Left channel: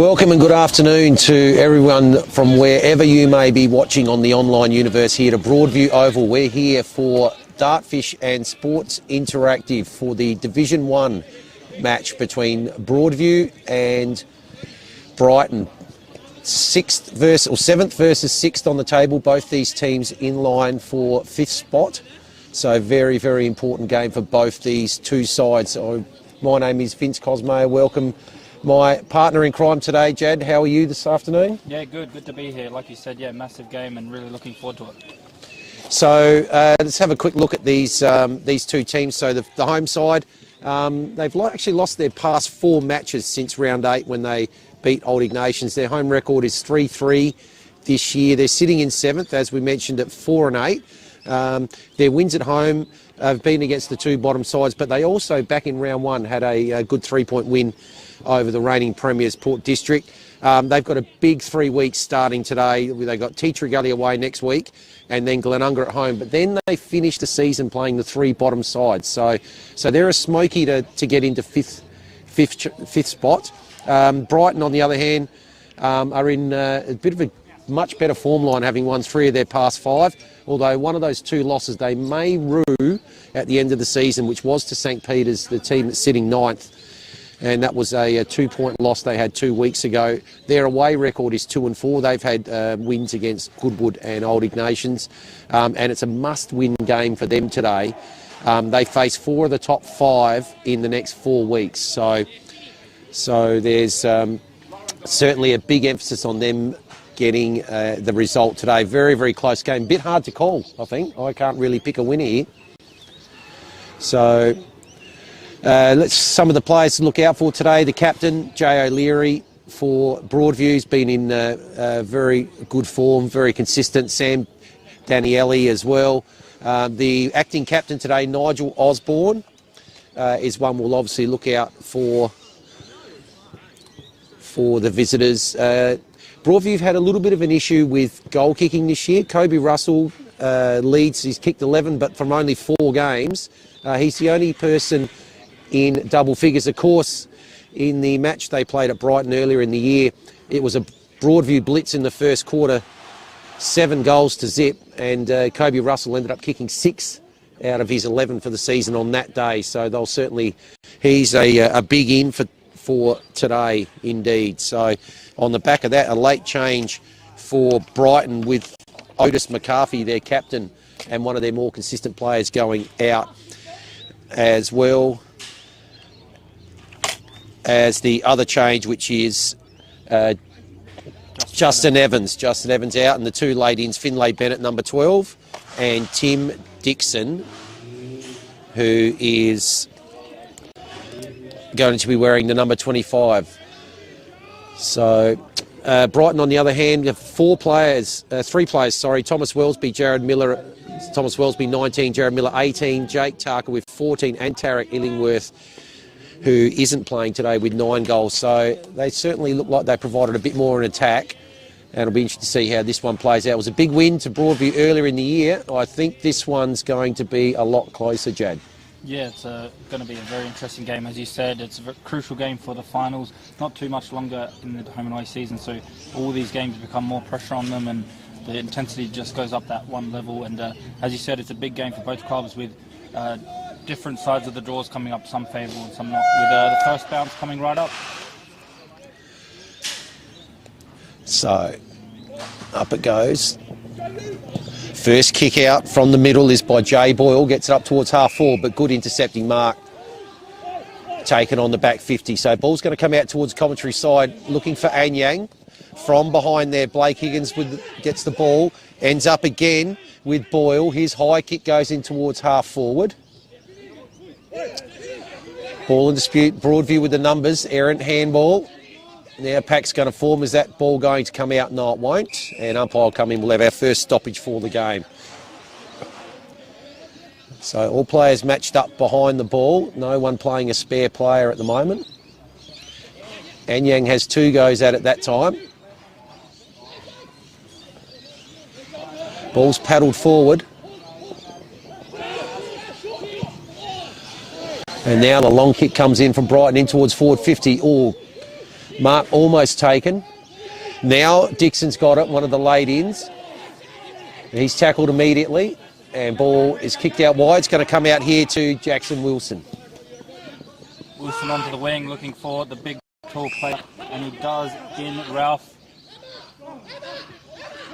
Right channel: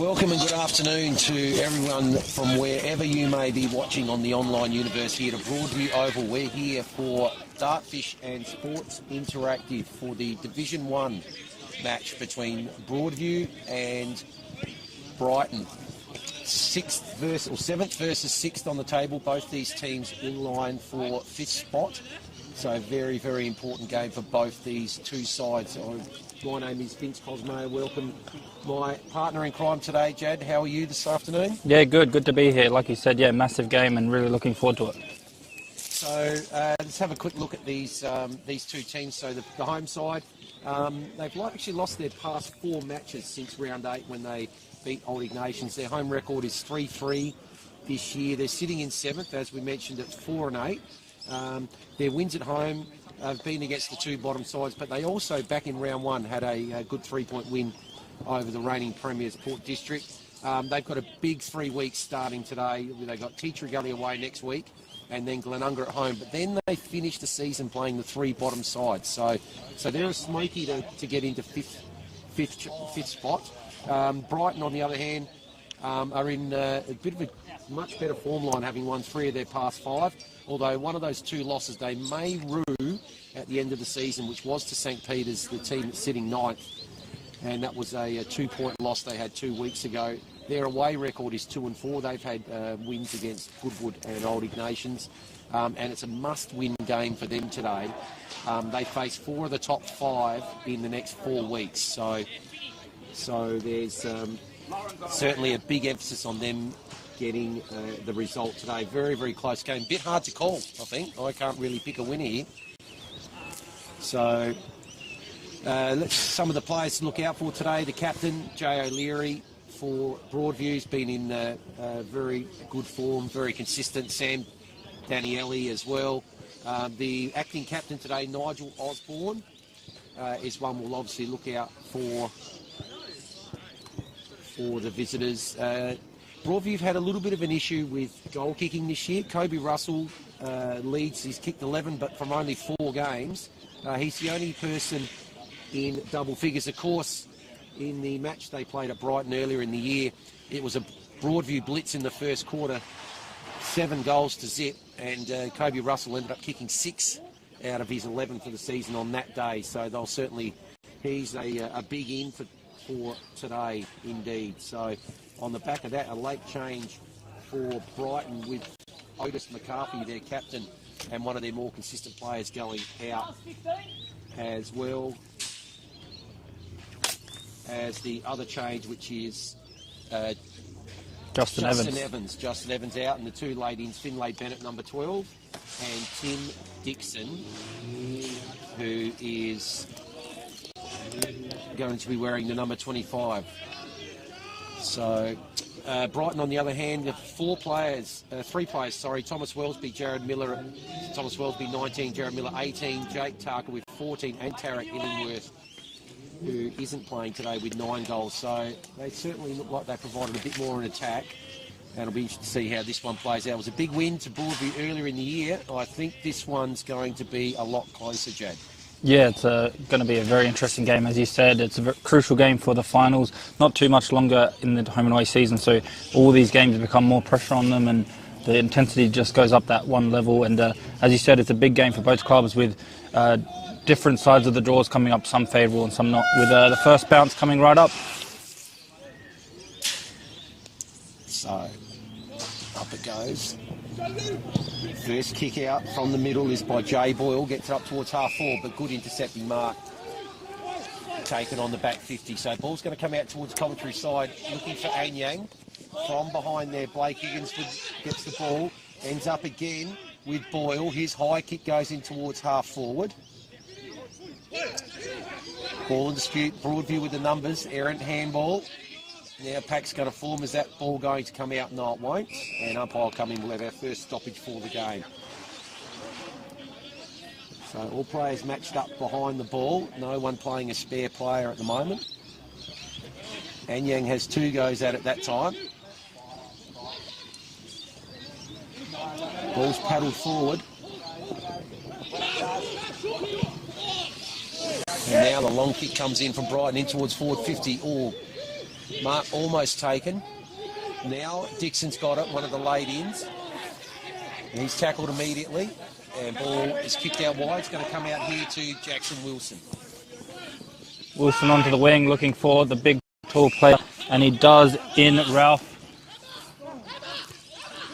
Welcome and good afternoon to everyone from wherever you may be watching on the online universe here to Broadview Oval. We're here for Dartfish and Sports Interactive for the Division 1 match between Broadview and Brighton. Seventh versus sixth on the table, both these teams in line for fifth spot. So very, very important game for both these two sides. My name is Vince Cosmo. Welcome. My partner in crime today, Jad, how are you this afternoon? Yeah, good to be here. Like you said, yeah, massive game and really looking forward to it. So let's have a quick look at these two teams. So the home side, they've actually lost their past 4 matches since round 8 when they beat Old Ignatians. Their home record is 3-3 this year. They're sitting in 7th, as we mentioned, at 4-8. Their wins at home have been against the two bottom sides, but they also, back in round 1, had a good 3-point win over the reigning premiers, Port District. They've got a big 3 weeks starting today. They've got Teacher Gully away next week and then Glenunga at home. But then they finish the season playing the 3 bottom sides. So they're a smoky to get into fifth spot. Brighton, on the other hand, are in a bit of a much better form line, having won 3 of their past 5. Although one of those 2 losses they may rue at the end of the season, which was to St Peter's, the team that's sitting 9th. And that was a 2-point loss they had 2 weeks ago. Their away record is 2-4. They've had wins against Goodwood and Old Ignatians, and it's a must-win game for them today. They face 4 of the top 5 in the next 4 weeks. So there's certainly a big emphasis on them getting the result today. Very, very close game. Bit hard to call, I think. I can't really pick a winner here. So let's some of the players to look out for today. The captain, Jay O'Leary, for Broadview, has been in very good form, very consistent. Sam Danielli as well. The acting captain today, Nigel Osborne, is one we'll obviously look out for the visitors. Broadview have had a little bit of an issue with goal kicking this year. Kobe Russell leads. He's kicked 11, but from only 4 games. He's the only person in double figures. Of course, in the match they played at Brighton earlier in the year, it was a Broadview blitz in the first quarter, 7 goals to zip, and Kobe Russell ended up kicking 6 out of his 11 for the season on that day. So they'll certainly, he's a big in for today indeed. So on the back of that, a late change for Brighton with Otis McCarthy, their captain, and one of their more consistent players going out, as well as the other change, which is Justin Evans. Justin Evans out, and the 2 late-ins, Finlay Bennett, number 12, and Tim Dixon, who is going to be wearing the number 25. So Brighton, on the other hand, have 3 players, Thomas Wellesby, Jared Miller, Thomas Wellesby 19, Jared Miller 18, Jake Tarker with 14, and Tarek Illingworth, who isn't playing today, with 9 goals. So they certainly look like they provided a bit more in attack, and it'll be interesting to see how this one plays out. It was a big win to Broadview earlier in the year. I think this one's going to be a lot closer, Jad. Yeah, it's going to be a very interesting game, as you said. It's a crucial game for the finals. Not too much longer in the home and away season, so all these games become more pressure on them, and the intensity just goes up that one level. And as you said, it's a big game for both clubs, with different sides of the draws coming up, some favourable and some not, with the first bounce coming right up. So up it goes. First kick out from the middle is by Jay Boyle, gets it up towards half forward, but good intercepting mark taken on the back 50. So ball's going to come out towards commentary side, looking for Anyang. From behind there, Blake Higgins gets the ball, ends up again with Boyle. His high kick goes in towards half forward. Ball in dispute, Broadview with the numbers, errant handball. Now pack's going to form. Is that ball going to come out? No, it won't. And umpire will come in. We'll have our first stoppage for the game. So all players matched up behind the ball. No one playing a spare player at the moment. Anyang has 2 goes at it that time. Ball's paddled forward. And now the long kick comes in from Brighton in towards forward 50. Oh, Mark almost taken. Now Dixon's got it, one of the late ins. He's tackled immediately, and ball is kicked out wide. It's going to come out here to Jackson Wilson. Wilson onto the wing, looking for the big tall player, and he does in Ralph.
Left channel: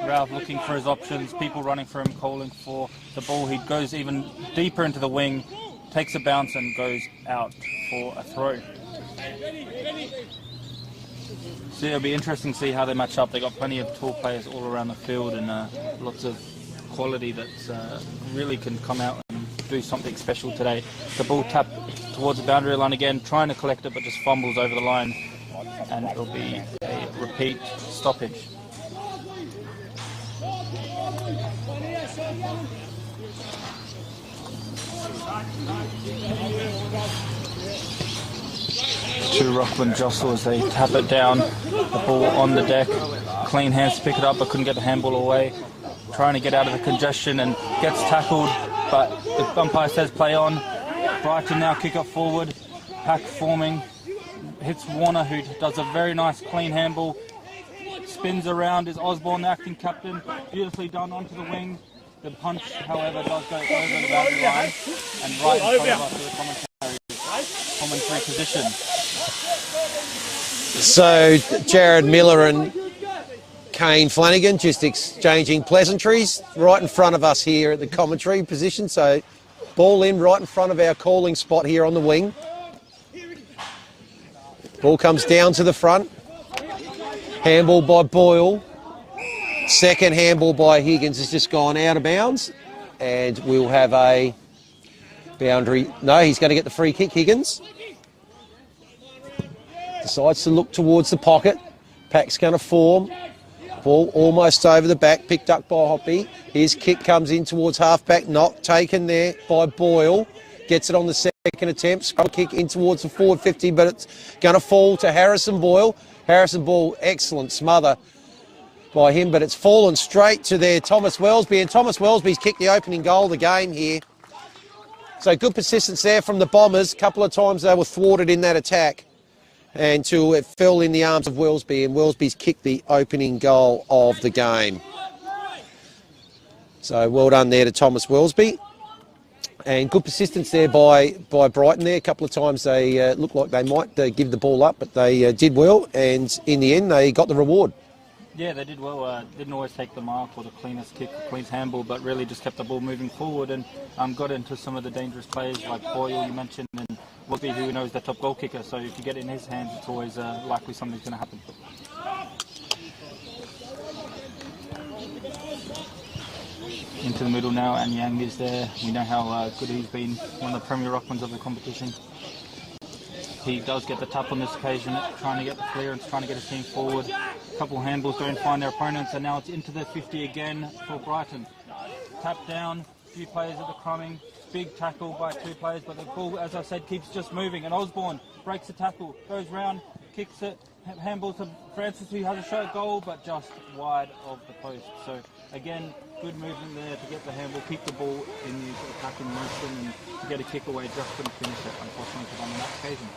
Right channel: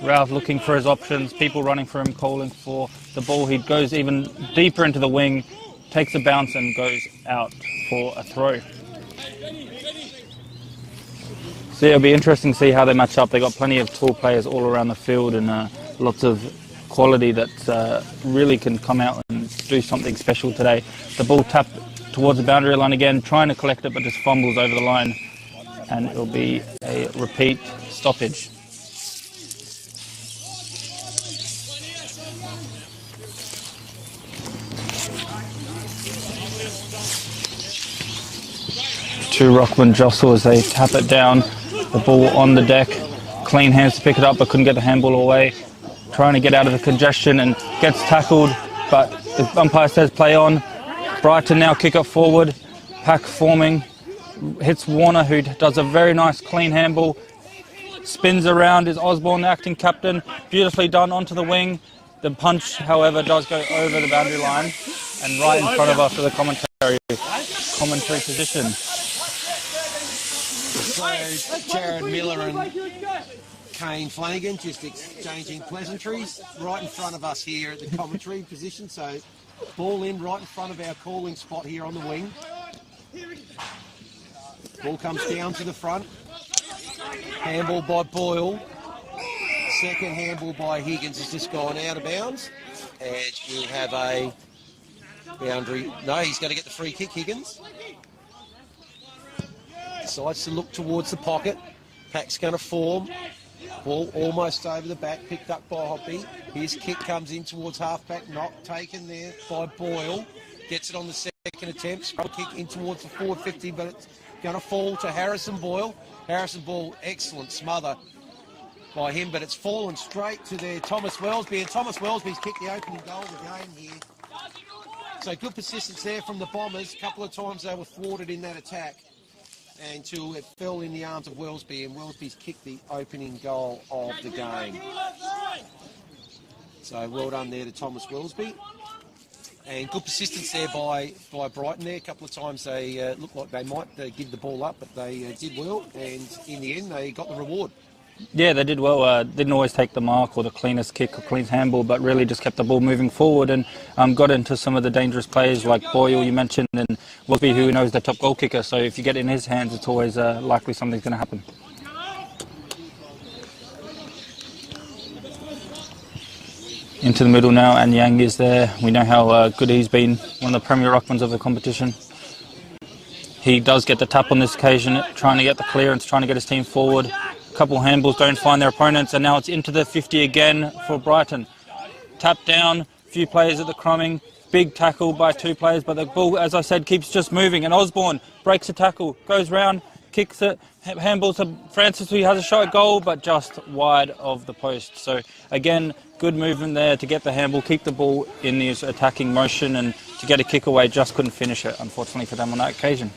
Ralph looking for his options, people running for him, calling for the ball. He goes even deeper into the wing, takes a bounce and goes out for a throw. So it'll be interesting to see how they match up. They've got plenty of tall players all around the field and lots of quality that really can come out and do something special today. The ball tapped towards the boundary line again, trying to collect it but just fumbles over the line, and it'll be a repeat stoppage. To Rockland jostle as they tap it down. The ball on the deck. Clean hands to pick it up, but couldn't get the handball away. Trying to get out of the congestion and gets tackled, but the umpire says play on. Brighton now kick it forward. Pack forming. Hits Warner, who does a very nice clean handball. Spins around, is Osborne the acting captain. Beautifully done onto the wing. The punch, however, does go over the boundary line and right in front of us for the commentary position. So Jared Miller and Kane Flanagan just exchanging pleasantries right in front of us here at the commentary position. So ball in right in front of our calling spot here on the wing. Ball comes down to the front. Handball by Boyle. Second handball by Higgins has just gone out of bounds. And we'll have a boundary. No, he's going to get the free kick, Higgins. Decides to look towards the pocket. Pack's going to form. Ball almost over the back, picked up by Hoppy. His kick comes in towards half-back, not taken there by Boyle. Gets it on the second attempt. Scrum kick in towards the forward 50, but it's going to fall to Harrison Boyle. Harrison Boyle, excellent smother by him, but it's fallen straight to their Thomas Wellesby, and Thomas Wellesby's kicked the opening goal of the game here. So good persistence there from the Bombers. A couple of times they were thwarted in that attack, until it fell in the arms of Wellesby, and Wellesby's kicked the opening goal of the game. So well done there to Thomas Wellesby. And good persistence there by Brighton there. A couple of times they looked like they might give the ball up, but they did well, and in the end they got the reward. Yeah, they did well. Didn't always take the mark or the cleanest kick or clean handball, but really just kept the ball moving forward and got into some of the dangerous players like Boyle, you mentioned, and Wellesby, who knows the top goal kicker. So if you get it in his hands, it's always likely something's going to happen. Into the middle now, and Yang is there. We know how good he's been, one of the premier ruckmans of the competition. He does get the tap on this occasion, trying to get the clearance, trying to get his team forward. A couple handballs don't find their opponents, and now it's into the 50 again for Brighton. Tap down, a few players at the crumbing, big tackle by two players, but the ball, as I said, keeps just moving, and Osborne breaks a tackle, goes round, kicks it, handball to Francis, who has a shot at goal, but just wide of the post. So again, good movement there to get the handball, keep the ball in this attacking motion, and to get a kick away, just couldn't finish it, unfortunately for them on that occasion.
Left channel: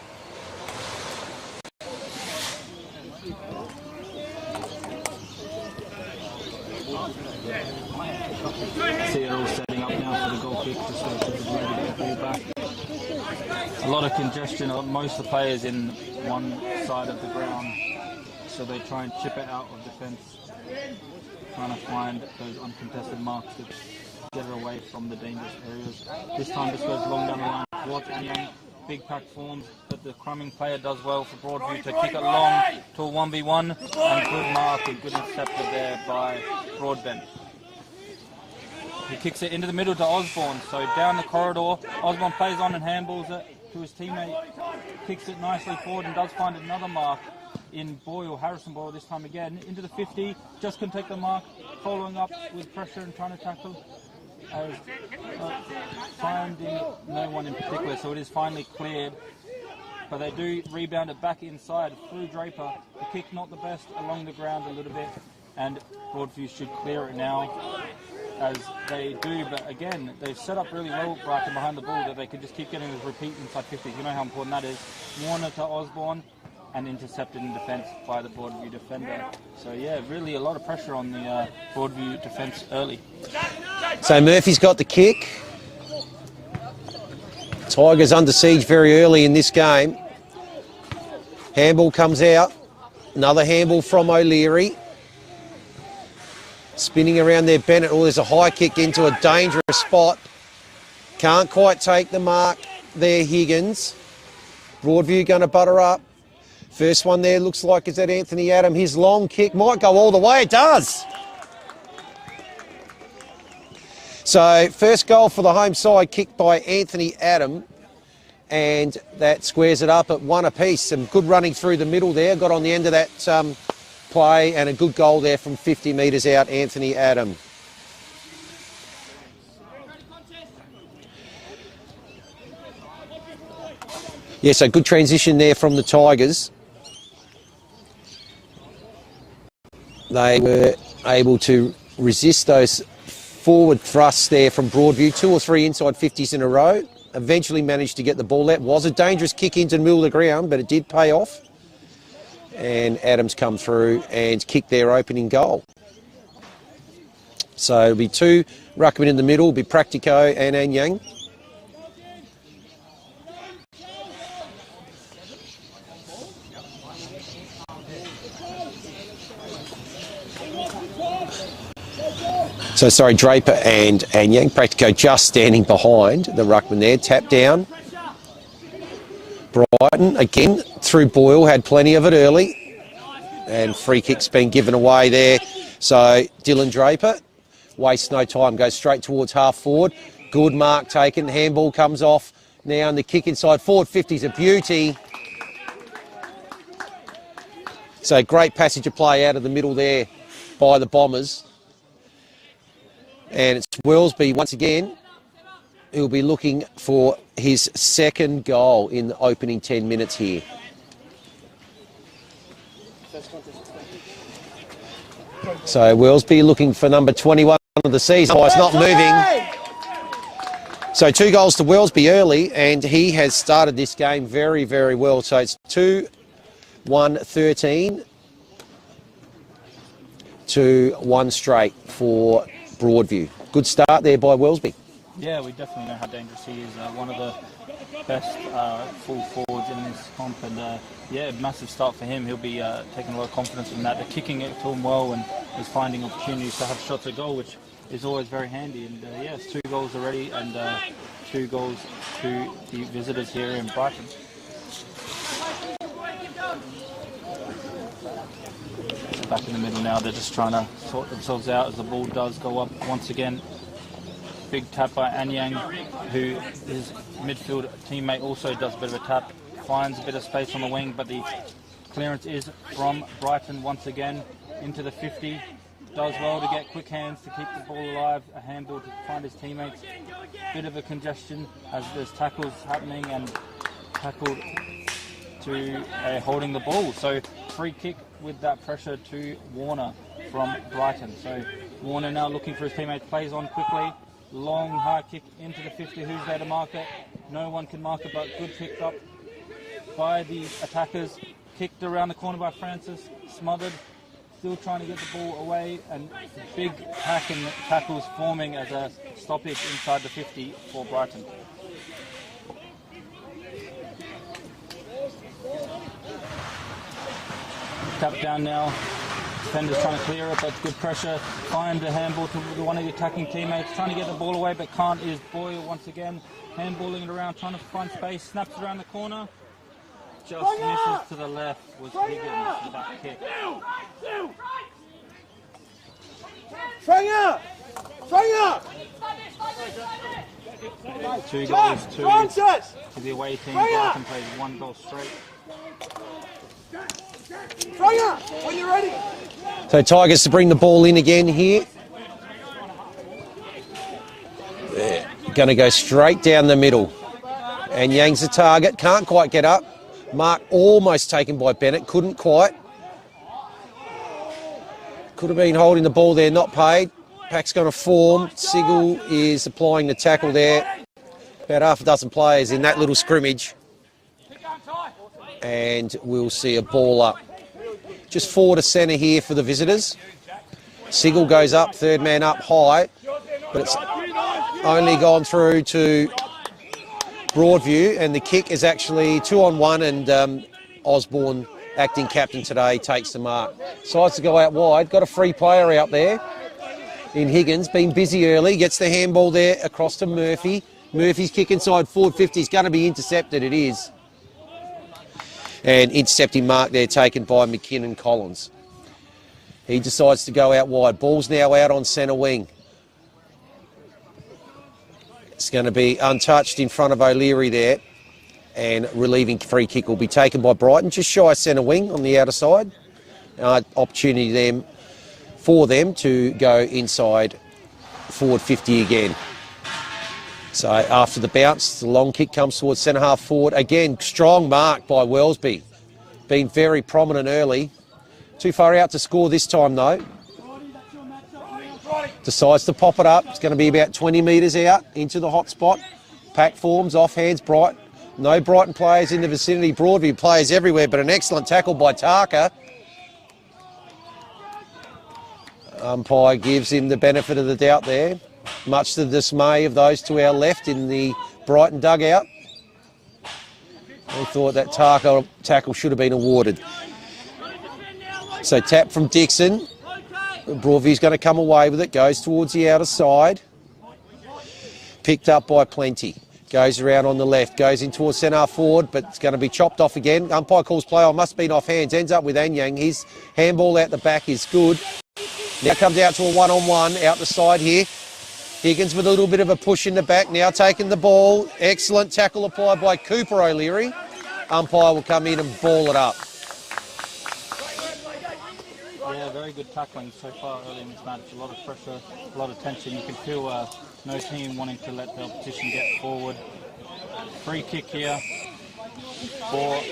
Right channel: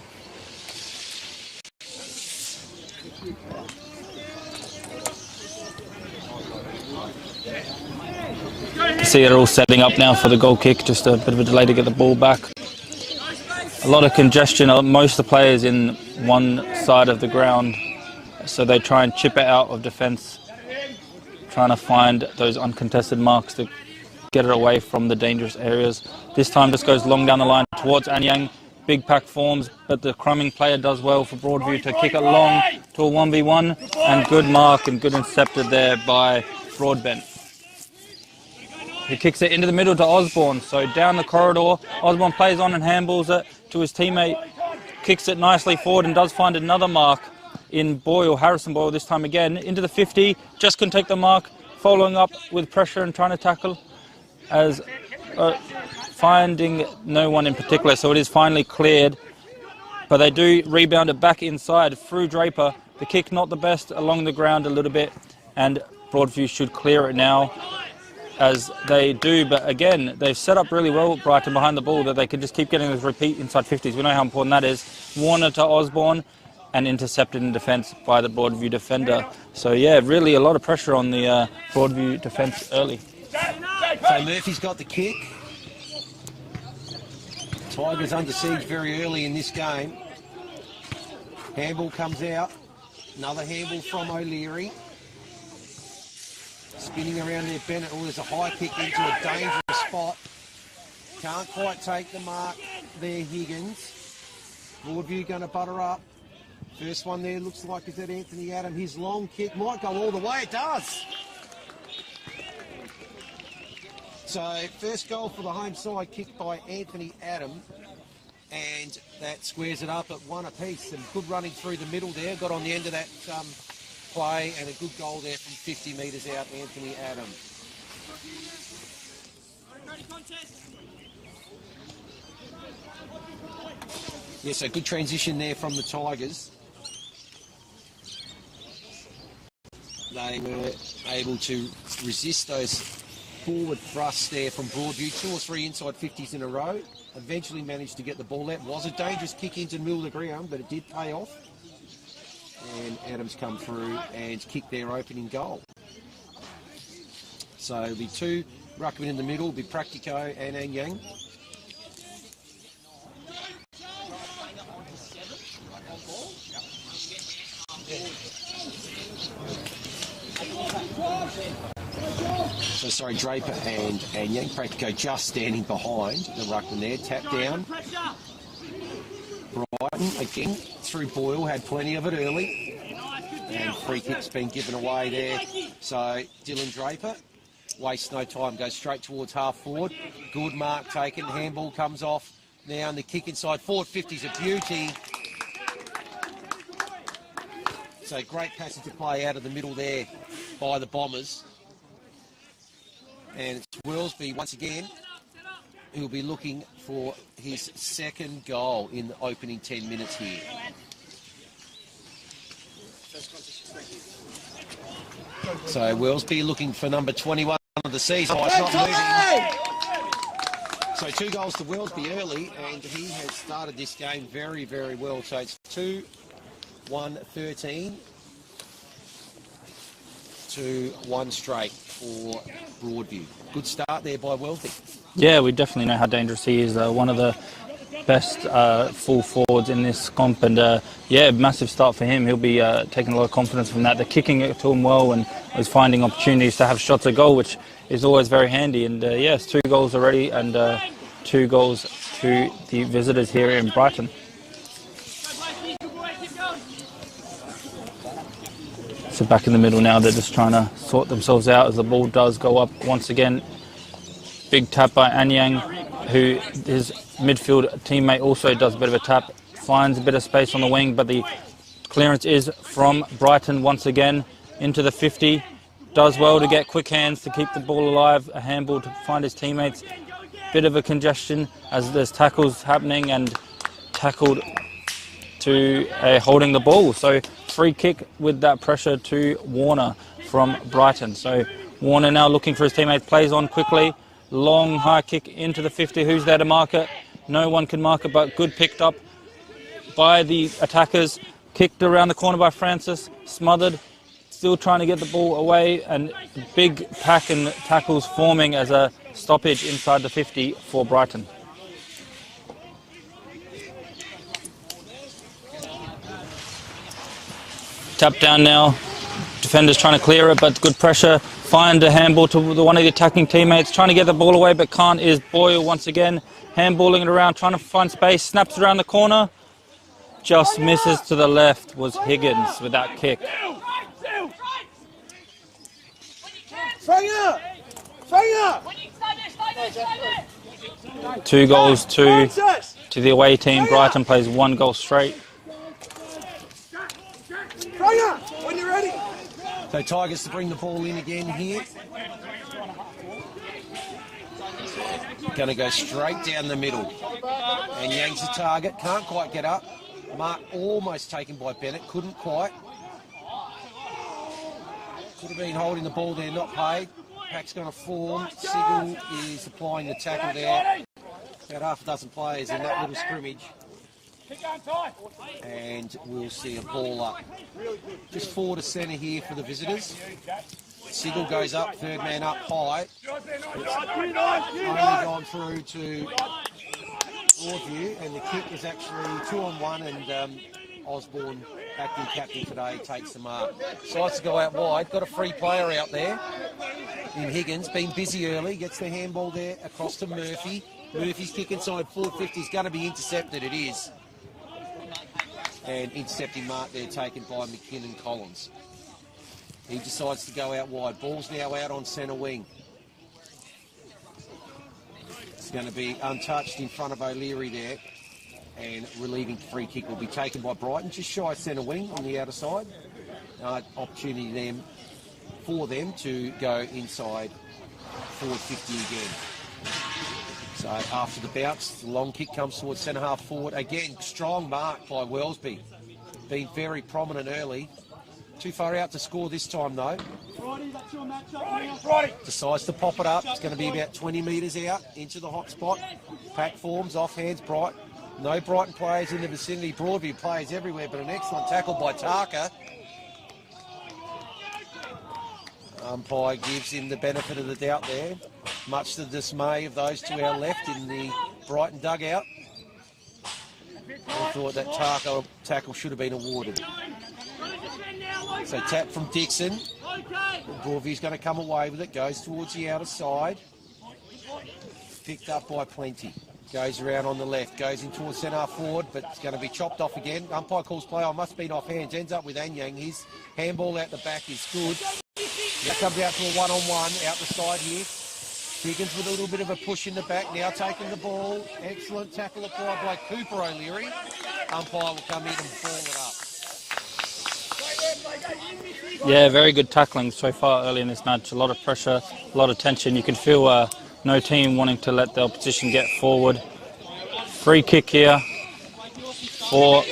See, they're all setting up now for the goal kick, just a bit of a delay to get the ball back. A lot of congestion, most of the players in one side of the ground, so they try and chip it out of defence, trying to find those uncontested marks to get it away from the dangerous areas. This time just goes long down the line towards Anyang. Big pack forms, but the crumbing player does well for Broadview to kick it long to a 1v1, and good mark and good intercepted there by Broadbent. He kicks it into the middle to Osborne, so down the corridor, Osborne plays on and handballs it to his teammate, kicks it nicely forward and does find another mark in Boyle, Harrison Boyle this time again, into the 50, just couldn't take the mark, following up with pressure and trying to tackle, as finding no one in particular, so it is finally cleared, but they do rebound it back inside through Draper. The kick not the best, along the ground a little bit, and Broadview should clear it now, as they do, but again, they've set up really well Brighton behind the ball that they can just keep getting this repeat inside 50s. We know how important that is. Warner to Osborne, and intercepted in defence by the Broadview defender. So yeah, really a lot of pressure on the Broadview defence early. So Murphy's got the kick. Tigers under siege very early in this game. Handball comes out. Another handball from O'Leary. Spinning around there, Bennett. Oh, there's a high kick into a dangerous spot. Can't quite take the mark there, Higgins. Broadview going to butter up. First one there looks like it's at Anthony Adam. His long kick might go all the way. It does. So first goal for the home side, kicked by Anthony Adam. And that squares it up at 1 apiece. Some good running through the middle there. Got on the end of that play, and a good goal there from 50 metres out, Anthony Adam. Yeah, so good transition there from the Tigers. They were able to resist those forward thrusts there from Broadview. 2 or 3 inside 50s in a row. Eventually managed to get the ball out. Was a dangerous kick into the middle of the ground, but it did pay off. And Adams come through and kick their opening goal. So it'll be 2 ruckmen in the middle. It'll be Practico and Anyang. So sorry, Draper and Anyang. Practico just standing behind the ruckman there. Tap down. Brighton again through Boyle, had plenty of it early. And free kick's been given away there. So Dylan Draper wastes no time, goes straight towards half forward. Good mark taken. Handball comes off now, and the kick inside forward 50's a beauty. So great passage of play out of the middle there by the Bombers. And it's Wellesby once again who'll be looking for his second goal in the opening 10 minutes here. So Wellesby looking for number 21 of the season. Oh, it's not moving. So 2 goals to Wellesby early, and he has started this game very, very well. So it's 2-1-13 to 1 straight for Broadview. Good start there by Wellesby. Yeah, we definitely know how dangerous he is. One of the best full forwards in this comp, and yeah, massive start for him. He'll be taking a lot of confidence from that. They're kicking it to him well, and is finding opportunities to have shots at goal, which is always very handy. And yes, 2 goals already, and 2 goals to the visitors here in Brighton. So back in the middle now, they're just trying to sort themselves out as the ball does go up once again. Big tap by Anyang, who his midfield teammate also does a bit of a tap, finds a bit of space on the wing, but the clearance is from Brighton once again into the 50. Does well to get quick hands to keep the ball alive, a handball to find his teammates. Bit of a congestion as there's tackles happening, and tackled to holding the ball. So free kick with that pressure to Warner from Brighton. So Warner now looking for his teammates, plays on quickly. Long high kick into the 50. Who's there to mark it? No one can mark it, but good picked up by the attackers. Kicked around the corner by Francis, smothered. Still trying to get the ball away, and big pack and tackles forming as a stoppage inside the 50 for Brighton. Tap down now. Defenders trying to clear it, but good pressure. Find a handball to one of the attacking teammates. Trying to get the ball away, but can't, is Boyle once again. Handballing it around, trying to find space. Snaps around the corner. Just misses to the left was Higgins with that kick. 2 goals to the away team. Brighton plays 1 goal straight. So Tigers to bring the ball in again here. Going to go straight down the middle. And Yang's the target. Can't quite get up. Mark almost taken by Bennett. Couldn't quite. Could have been holding the ball there, not paid. Pack's going to form. Sigel is applying the tackle there. About half a dozen players in that little scrimmage. And we'll see a ball up. Just forward to centre here for the visitors. Sigel goes up, third man up high. But it's only gone through to Broadview, and the kick is actually 2-on-1, and Osborne, acting captain today, takes the mark. Decides to go out wide. Got a free player out there in Higgins. Been busy early. Gets the handball there across to Murphy. Murphy's kick inside forward 50 is going to be intercepted. It is. And intercepting mark there taken by McKinnon Collins. He decides to go out wide. Ball's now out on centre wing. It's going to be untouched in front of O'Leary there. And relieving free kick will be taken by Brighton, just shy centre wing on the outer side. Opportunity for them to go inside forward 50 again. So after the bounce, the long kick comes towards centre half forward. Again, strong mark by Wellesby. Been very prominent early. Too far out to score this time though. Decides to pop it up. It's going to be about 20 metres out into the hot spot. Pack forms, off hands, Brighton. No Brighton players in the vicinity. Broadview players everywhere, but an excellent tackle by Tarka. Umpire gives him the benefit of the doubt there, much to the dismay of those to our left in the Brighton dugout. They thought that Tarka tackle should have been awarded. So tap from Dixon. Broadview's going to come away with it, goes towards the outer side. Picked up by Plenty. Goes around on the left, goes in towards centre forward, but it's going to be chopped off again. Umpire calls play on, must have been off hands, ends up with Anyang. His handball out the back is good. Now comes out to a one-on-one out the side here. Higgins with a little bit of a push in the back, now taking the ball. Excellent tackle applied by Cooper O'Leary. Umpire will come in and ball it up. Yeah, very good tackling so far early in this match. A lot of pressure, a lot of tension. You can feel no team wanting to let the opposition get forward. Free kick here for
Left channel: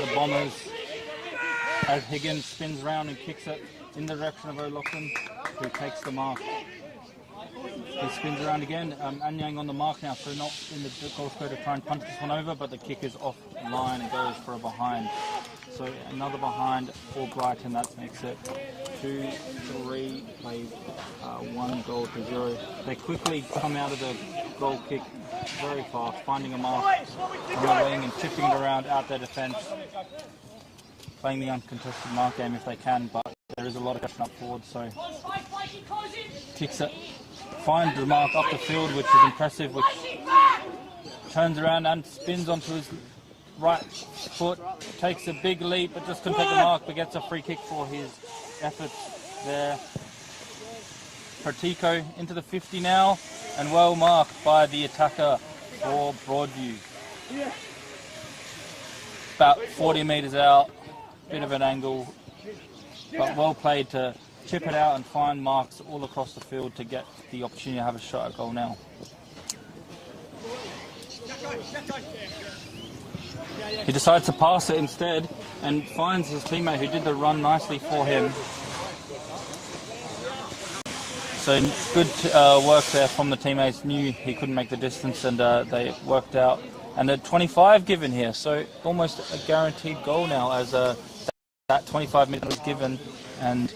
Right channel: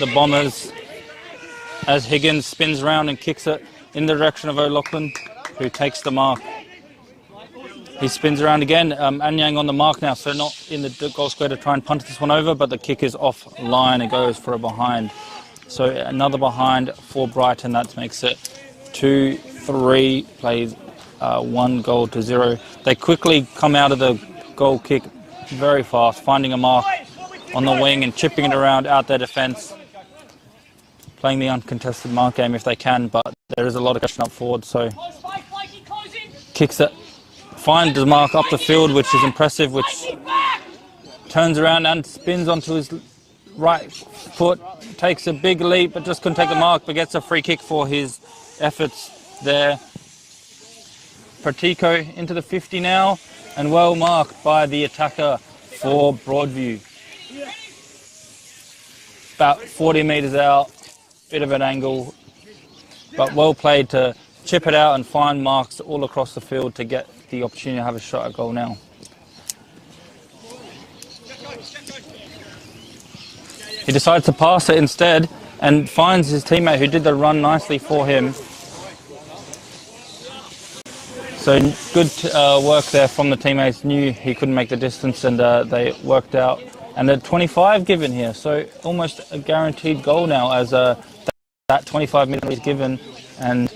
the Bombers as Higgins spins around and kicks it in the direction of O'Loughlin, who takes the mark. He spins around again. Anyang on the mark now, so not in the goal square to try and punt this one over, but the kick is off line. It goes for a behind. So another behind for Brighton. That makes it 2-3, plays 1-0. They quickly come out of the goal kick very fast, finding a mark on the wing and chipping it around out their defence. Playing the uncontested mark game if they can, but there is a lot of question up forward, so kicks it, finds the mark up the field, which is impressive, which turns around and spins onto his right foot, takes a big leap, but just couldn't take the mark, but gets a free kick for his efforts there. Pratico into the 50 now, and well marked by the attacker for Broadview. About 40 metres out, bit of an angle, but well played to chip it out and find marks all across the field to get the opportunity to have a shot at goal now. He decides to pass it instead and finds his teammate who did the run nicely for him. So good work there from the teammates. Knew he couldn't make the distance, and they worked out. And a 25 given here, so almost a guaranteed goal now as that 25 minutes was given, and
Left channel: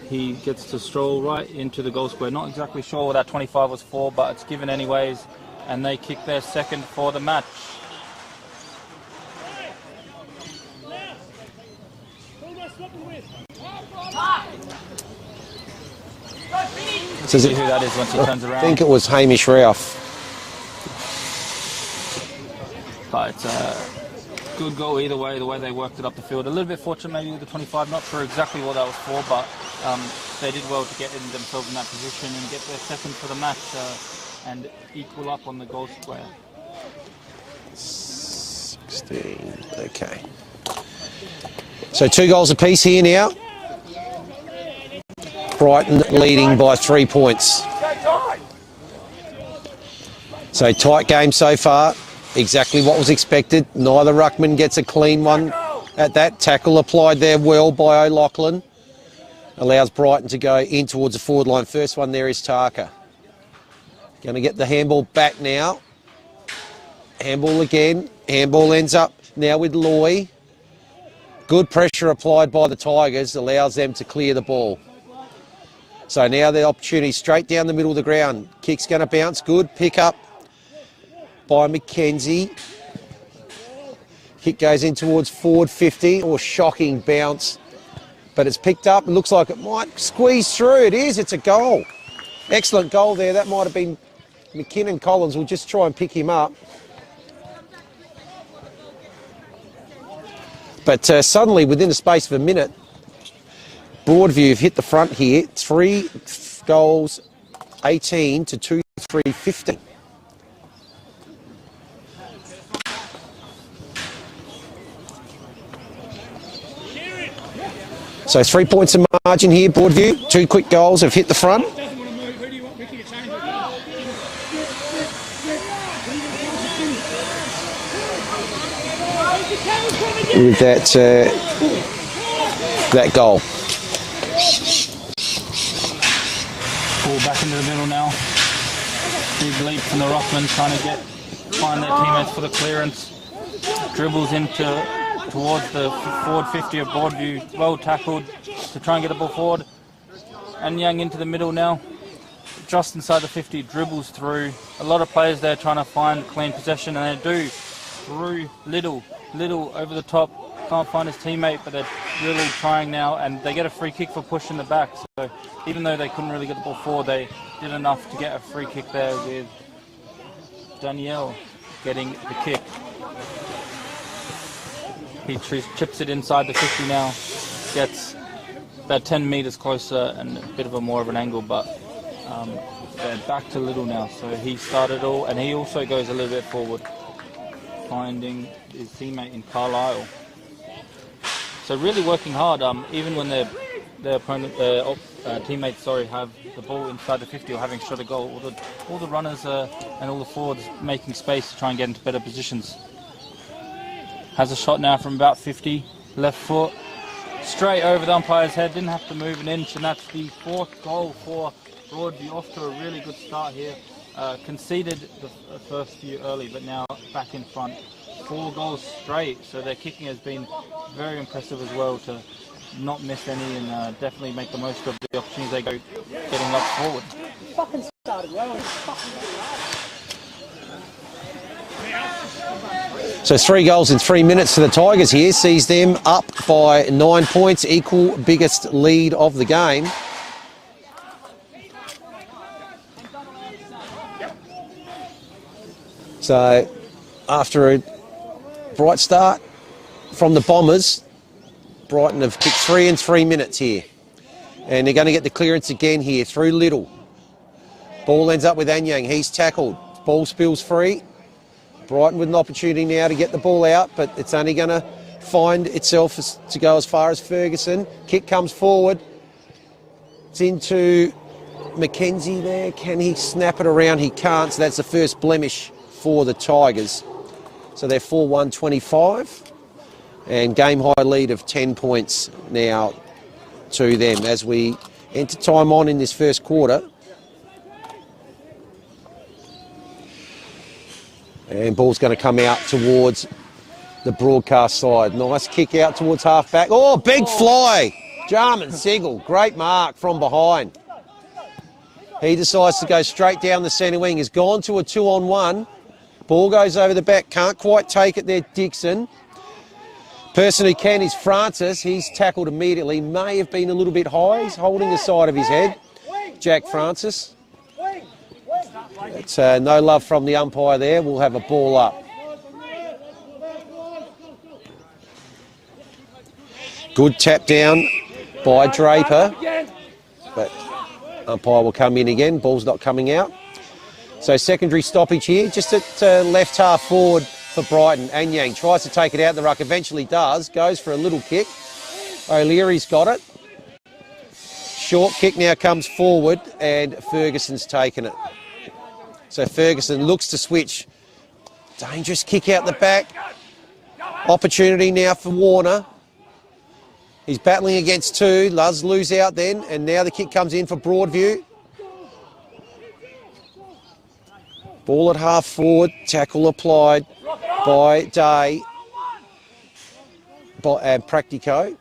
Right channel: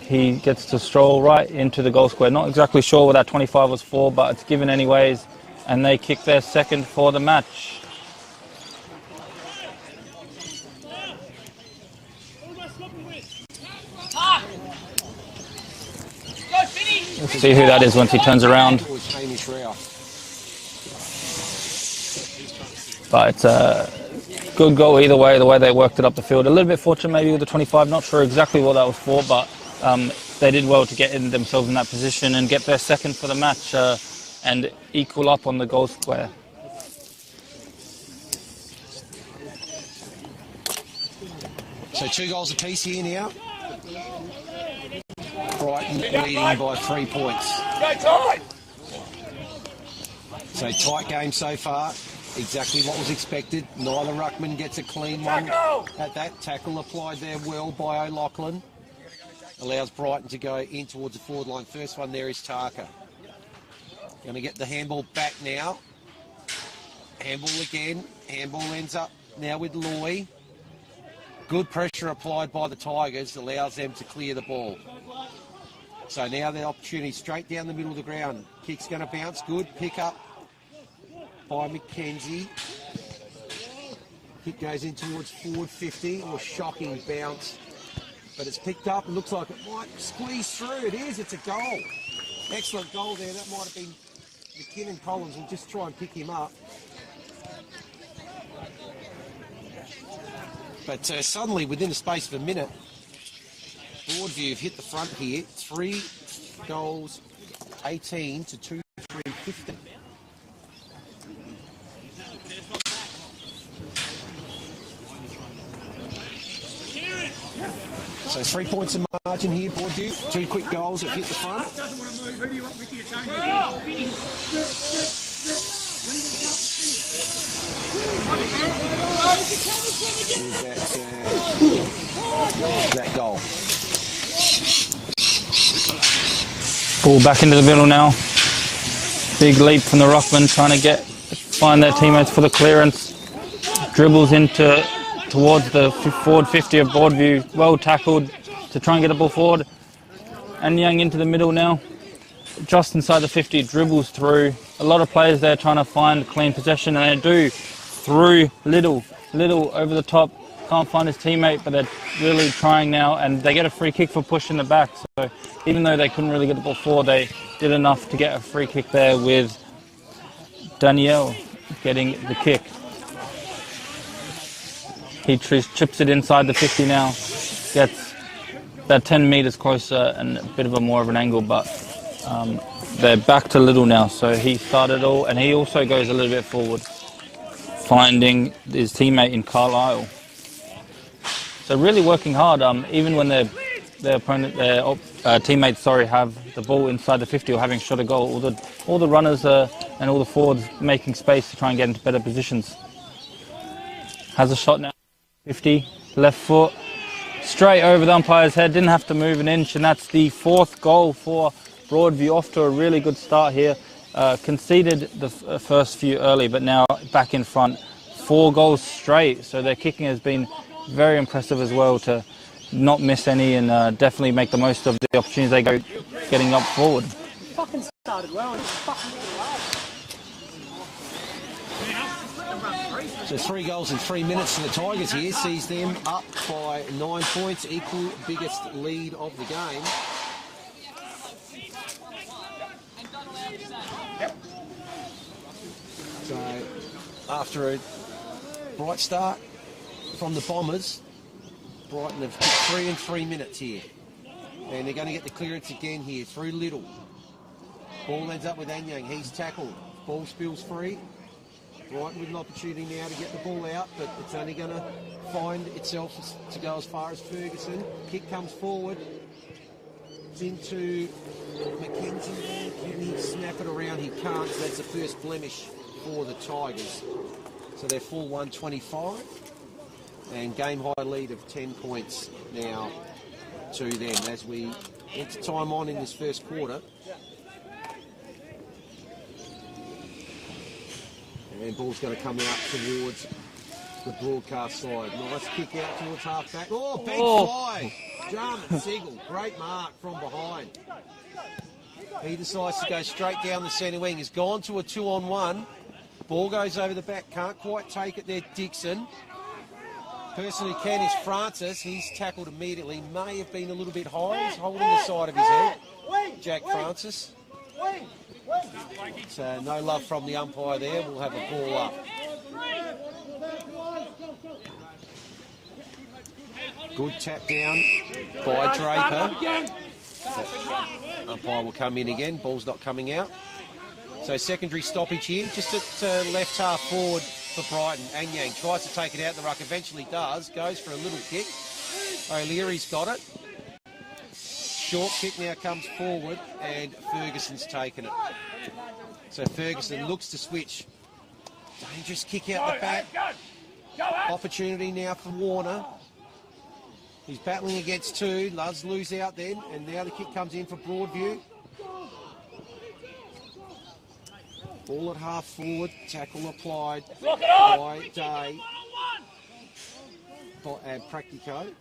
he gets to stroll right into the goal square. Not exactly sure what that 25 was for, but it's given anyways, and they kick their second for the match. To see who that is once he turns around. I think it was Hamish Ralph. But it's a good goal either way, the way they worked it up the field. A little bit fortunate maybe with the 25, not sure exactly what that was for, but they did well to get themselves in that position and get their second for the match and equal up on the goal square. 16, okay. So 2 goals apiece here now. Brighton leading by 3 points. So tight game so far. Exactly what was expected. Neither ruckman gets a clean one at that. Tackle applied there well by O'Loughlin. Allows Brighton to go in towards the forward line. First one there is Tarka. Going to get the handball back now. Handball again. Handball ends up now with Loy. Good pressure applied by the Tigers allows them to clear the ball. So now the opportunity straight down the middle of the ground. Kick's going to bounce. Good pick up by Mackenzie. Kick goes in towards forward 50. Or shocking bounce. But it's picked up. It looks like it might squeeze through. It is. It's a goal. Excellent goal there. That might have been McKinnon. Collins will just try and pick him up. But suddenly, within the space of a minute, Broadview have hit the front here. 3 goals, 18 to 2-3, 15. So 3 points of margin here, Broadview. 2 quick goals have hit the front. With that goal. Ball back into the middle now. Big leap from the Rockman, trying to find their teammates for the clearance. Dribbles towards the forward 50 of Broadview. Well tackled to try and get the ball forward. And Young into the middle now. Just inside the 50, dribbles through. A lot of players there trying to find clean possession, and they do. Through Little over the top. Can't find his teammate, but they're really trying now, and they get a free kick for pushing the back. So even though they couldn't really get the ball forward, they did enough to get a free kick there with Danielle getting the kick. He chips it inside the 50 now. Gets about 10 metres closer and a bit of a more of an angle, but they're back to Little now. So he started all, and he also goes a little bit forward, finding his teammate in Carlisle. So really working hard, even when their teammates have the ball inside the 50 or having shot a goal. All the runners and all the forwards making space to try and get into better positions. Has a shot now from about 50, left foot, straight over the umpire's head, didn't have to move an inch, and that's the 4th goal for Broadview. Off to a really good start here. Conceded the first few early, but now back in front. 4 goals straight, so their kicking has been very impressive as well, to not miss any and definitely make the most of the opportunities they go getting up forward. So 3 goals in 3 minutes for the Tigers here, sees them up by 9 points, equal biggest lead of the game. So after a bright start from the Bombers, Brighton have kicked 3 in 3 minutes here. And they're going to get the clearance again here through Little. Ball ends up with Anyang. He's tackled. Ball spills free. Brighton with an opportunity now to get the ball out, but it's only going to find itself to go as far as Ferguson. Kick comes forward. It's into Mackenzie there. Can he snap it around? He can't, so that's the first blemish for the Tigers. So they're 4-1-25. And game high lead of 10 points now to them as we enter time on in this first quarter. And ball's going to come out towards the broadcast side. Nice kick out towards half back. Oh, big fly. Jarman Sigel, great mark from behind. He decides to go straight down the centre wing. He's gone to a 2-on-1. Ball goes over the back. Can't quite take it there, Dixon. Person who can is Francis. He's tackled immediately. May have been a little bit high. He's holding the side of his head. Jack Francis. It's no love from the umpire there. We'll have a ball up. Good tap down by Draper. But umpire will come in again. Ball's not coming out. So secondary stoppage here. Just at left half forward for Brighton. Anyang tries to take it out the ruck. Eventually does. Goes for a little kick. O'Leary's got it. Short kick now comes forward and Ferguson's taken it. So Ferguson looks to switch. Dangerous kick out the back. Opportunity now for Warner. He's battling against 2. Does lose out then. And now the kick comes in for Broadview. Ball at half forward. Tackle applied by Day. Practico,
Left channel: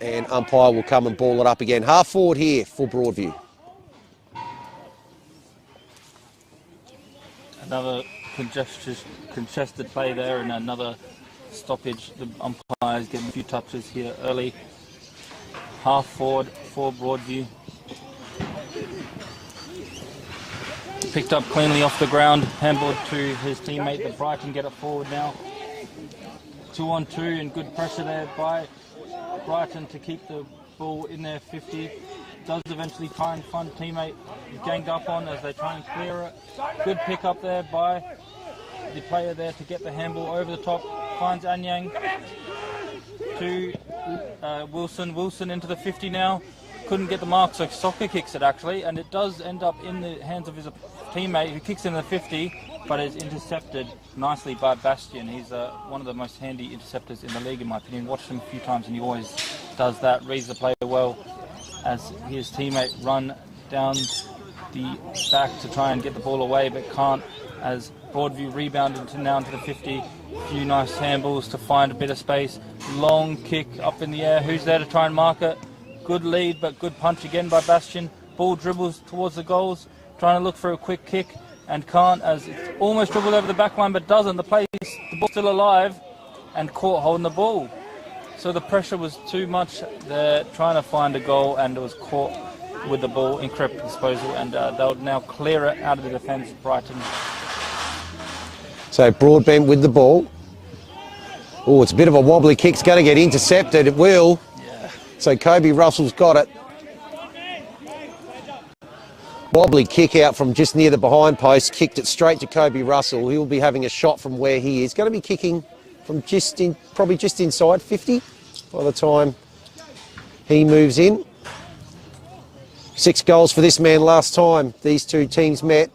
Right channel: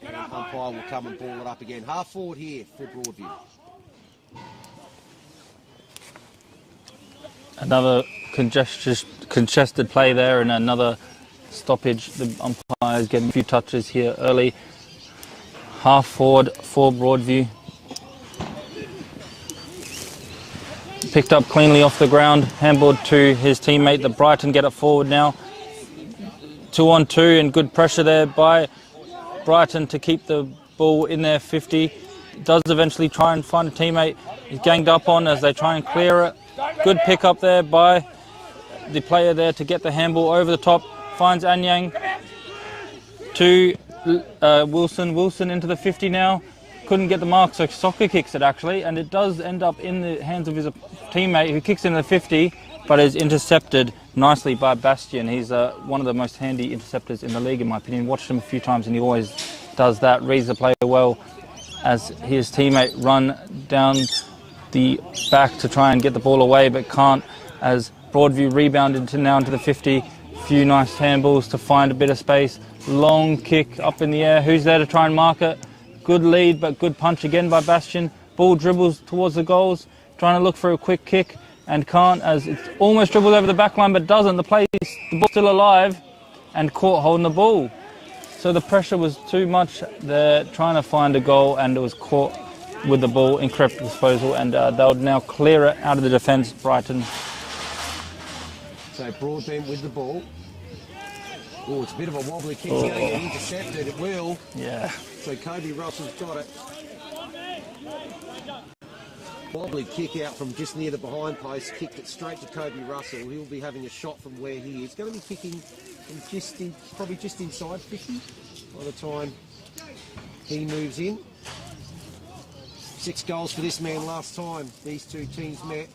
and umpire will come and ball it up again. Half forward here for Broadview. Another congested play there and another stoppage. The umpire is getting a few touches here early. Half forward for Broadview. Picked up cleanly off the ground, handballed to his teammate. The Brighton get it forward now. 2-on-2 and good pressure there by Brighton to keep the ball in their 50. Does eventually try and find a teammate. He's ganged up on as they try and clear it. Good pick up there by the player there to get the handball over the top. Finds Anyang to Wilson. Wilson into the 50 now. Couldn't get the mark, so Soccer kicks it actually, and it does end up in the hands of his teammate who kicks in the 50, but is intercepted nicely by Bastian. He's one of the most handy interceptors in the league, in my opinion. Watched him a few times, and he always does that. Reads the play well as his teammate run down the back to try and get the ball away, but can't, as Broadview rebounded now into the 50. Few nice handballs to find a bit of space. Long kick up in the air. Who's there to try and mark it? Good lead, but good punch again by Bastian. Ball dribbles towards the goals, trying to look for a quick kick, and can't, as it's almost dribbled over the back line, but doesn't. The ball's still alive, and caught holding the ball. So the pressure was too much. They're trying to find a goal, and it was caught with the ball, incorrect disposal, and they'll now clear it out of the defence, Brighton. So Broadbent with the ball. Oh, it's a bit of a wobbly kick. It's going to get intercepted. It will. Yeah. So Kobe Russell's got it. Wobbly kick out from just near the behind post. Kicked it straight to Kobe Russell. He'll be having a shot from where he is. Going to be kicking from probably just inside 50 by the time he moves in. 6 goals for this man last time these two teams met.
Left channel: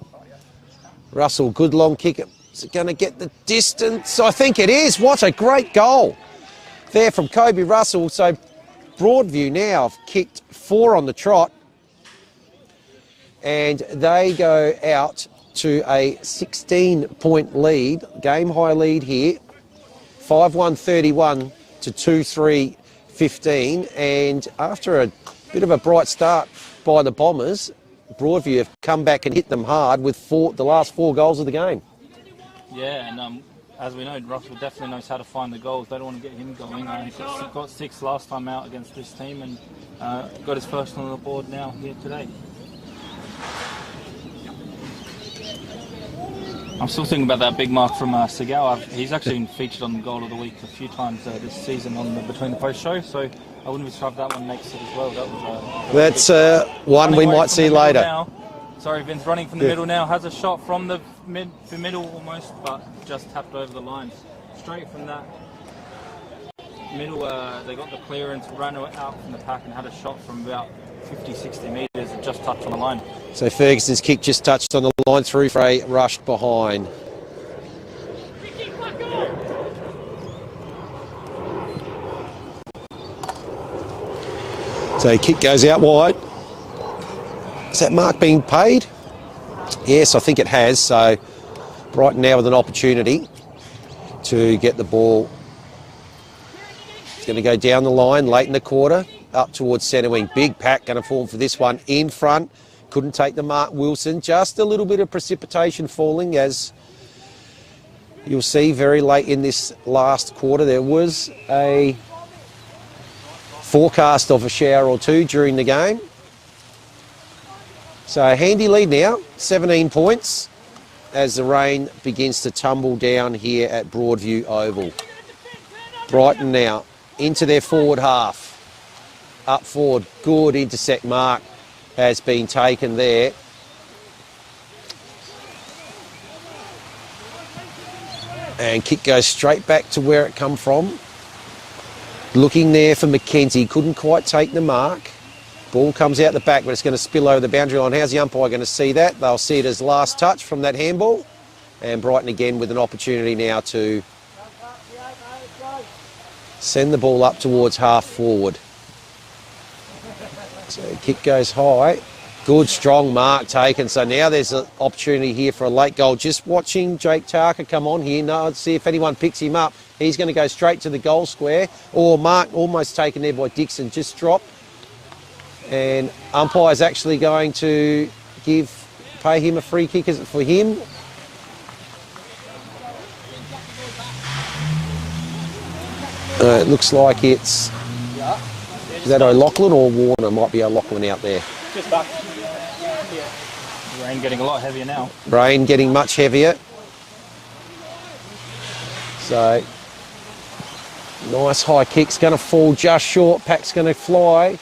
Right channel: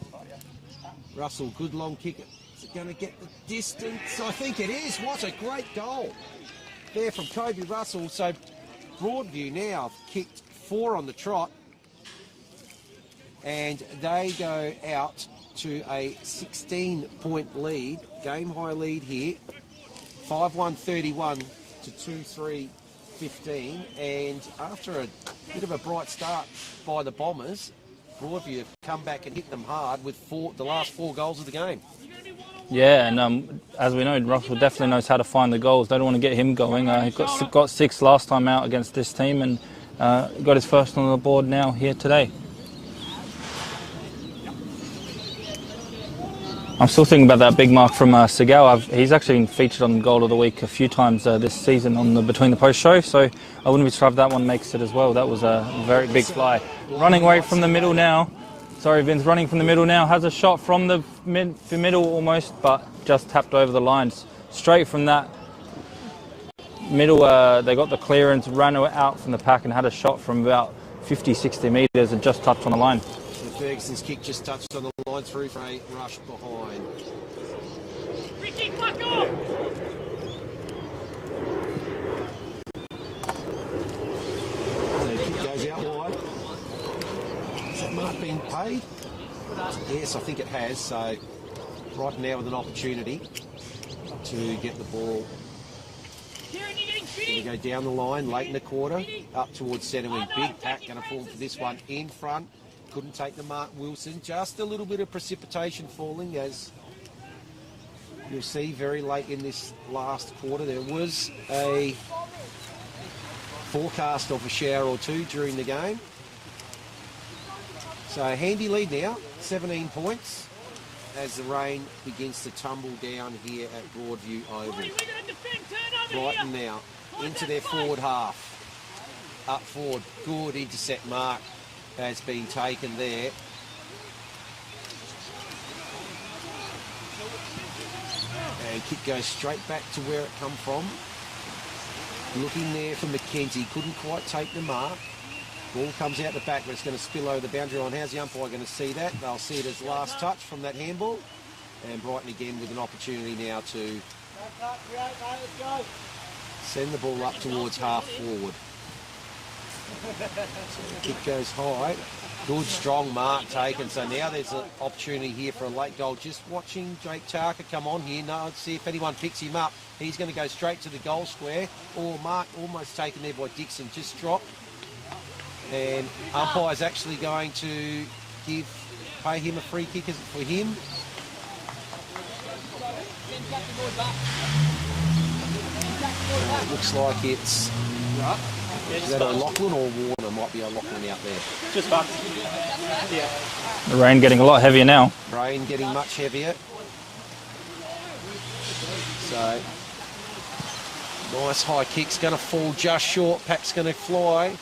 Russell, good long kick. Is it going to get the distance? I think it is. What a great goal there from Kobe Russell. So Broadview now have kicked 4 on the trot, and they go out to a 16-point lead, game-high lead here, 5-1-31 to 2-3-15. And after a bit of a bright start by the Bombers, Broadview have come back and hit them hard with the last 4 goals of the game. Yeah, and as we know, Russell definitely knows how to find the goals. They don't want to get him going. He got 6 last time out against this team, and got his first on the board now here today. I'm still thinking about that big mark from Segal. He's actually been featured on Goal of the Week a few times this season on the Between the Post show, so I wouldn't be surprised if that one makes it as well. That was a very big try. One running we might see later. Now. Sorry, Vin's running from the middle now. Has a shot from the middle almost, but just tapped over the lines. Straight from that middle, they got the clearance, ran out from the pack and had a shot from about 50, 60 metres and just touched on the line. So Ferguson's kick just touched on the line through for a rush behind. So kick goes out wide. Is that mark being paid? Yes, I think it has. So Brighton now with an opportunity to get the ball. It's going to go down the line late in the quarter, up towards centre wing. Big pack going to form for this one in front. Couldn't take the mark, Wilson. Just a little bit of precipitation falling, as you'll see very late in this last quarter. There was a forecast of a shower or two during the game. So a handy lead now, 17 points, as the rain begins to tumble down here at Broadview Oval. Brighton now into their forward half. Up forward, good intersect mark has been taken there. And kick goes straight back to where it come from. Looking there for McKenzie, couldn't quite take the mark. Ball comes out the back, but it's going to spill over the boundary line. How's the umpire going to see that? They'll see it as last touch from that handball. And Brighton again with an opportunity now to send the ball up towards half forward. So kick goes high. Good, strong mark taken. So now there's an opportunity here for a late goal. Just watching Jake Tarker come on here. Now, let's see if anyone picks him up. He's going to go straight to the goal square. Or mark almost taken there by Dixon. Just dropped. And umpire's actually going to pay him a free kick. Is it for him? It looks like it's... Is that O'Loughlin or Warner? Might be O'Loughlin out there. Just back. The rain getting a lot heavier now. Rain getting much heavier. So, nice high kick's going to fall just short. Pack's going to fly.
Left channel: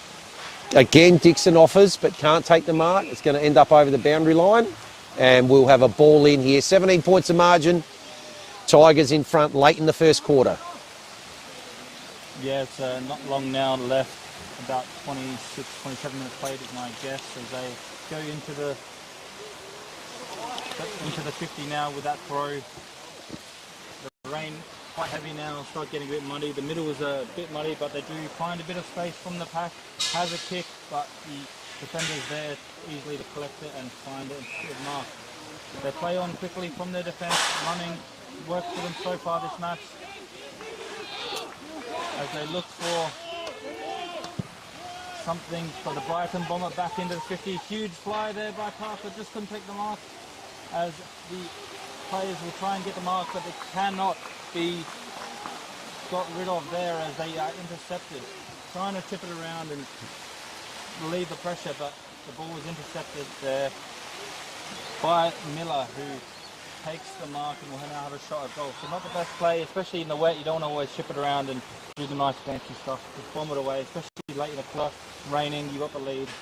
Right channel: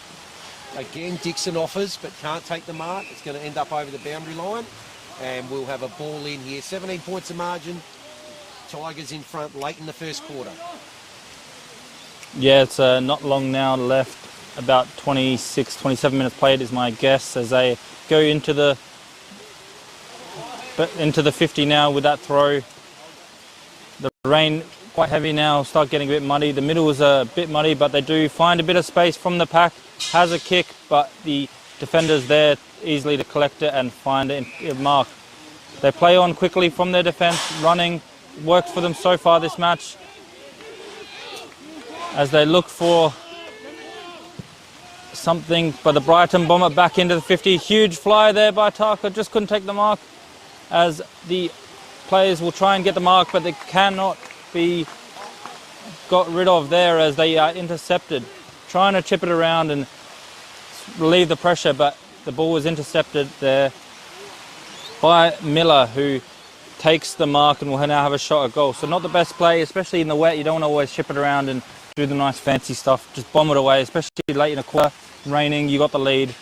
Again, Dixon offers, but can't take the mark. It's going to end up over the boundary line. And we'll have a ball in here. 17 points of margin. Tigers in front late in the first quarter. Yeah, it's not long now left. About 26, 27 minutes played is my guess as they go into the 50 now with that throw. The rain quite heavy now, start getting a bit muddy. The middle is a bit muddy, but they do find a bit of space from the pack. Has a kick, but the defender's there easily to collect it and find a mark. They play on quickly from their defence, running. Works for them so far this match. As they look for something, but the Brighton bomb it back into the 50. Huge fly there by Tarker, just couldn't take the mark. As the players will try and get the mark, but they cannot be got rid of there as they are intercepted. Trying to chip it around and relieve the pressure, but the ball was intercepted there by Miller, who takes the mark and will now have a shot at goal. So not the best play, especially in the wet. You don't want to always chip it around and do the nice fancy stuff. Just bomb it away, especially late in a quarter. Raining, you got the lead.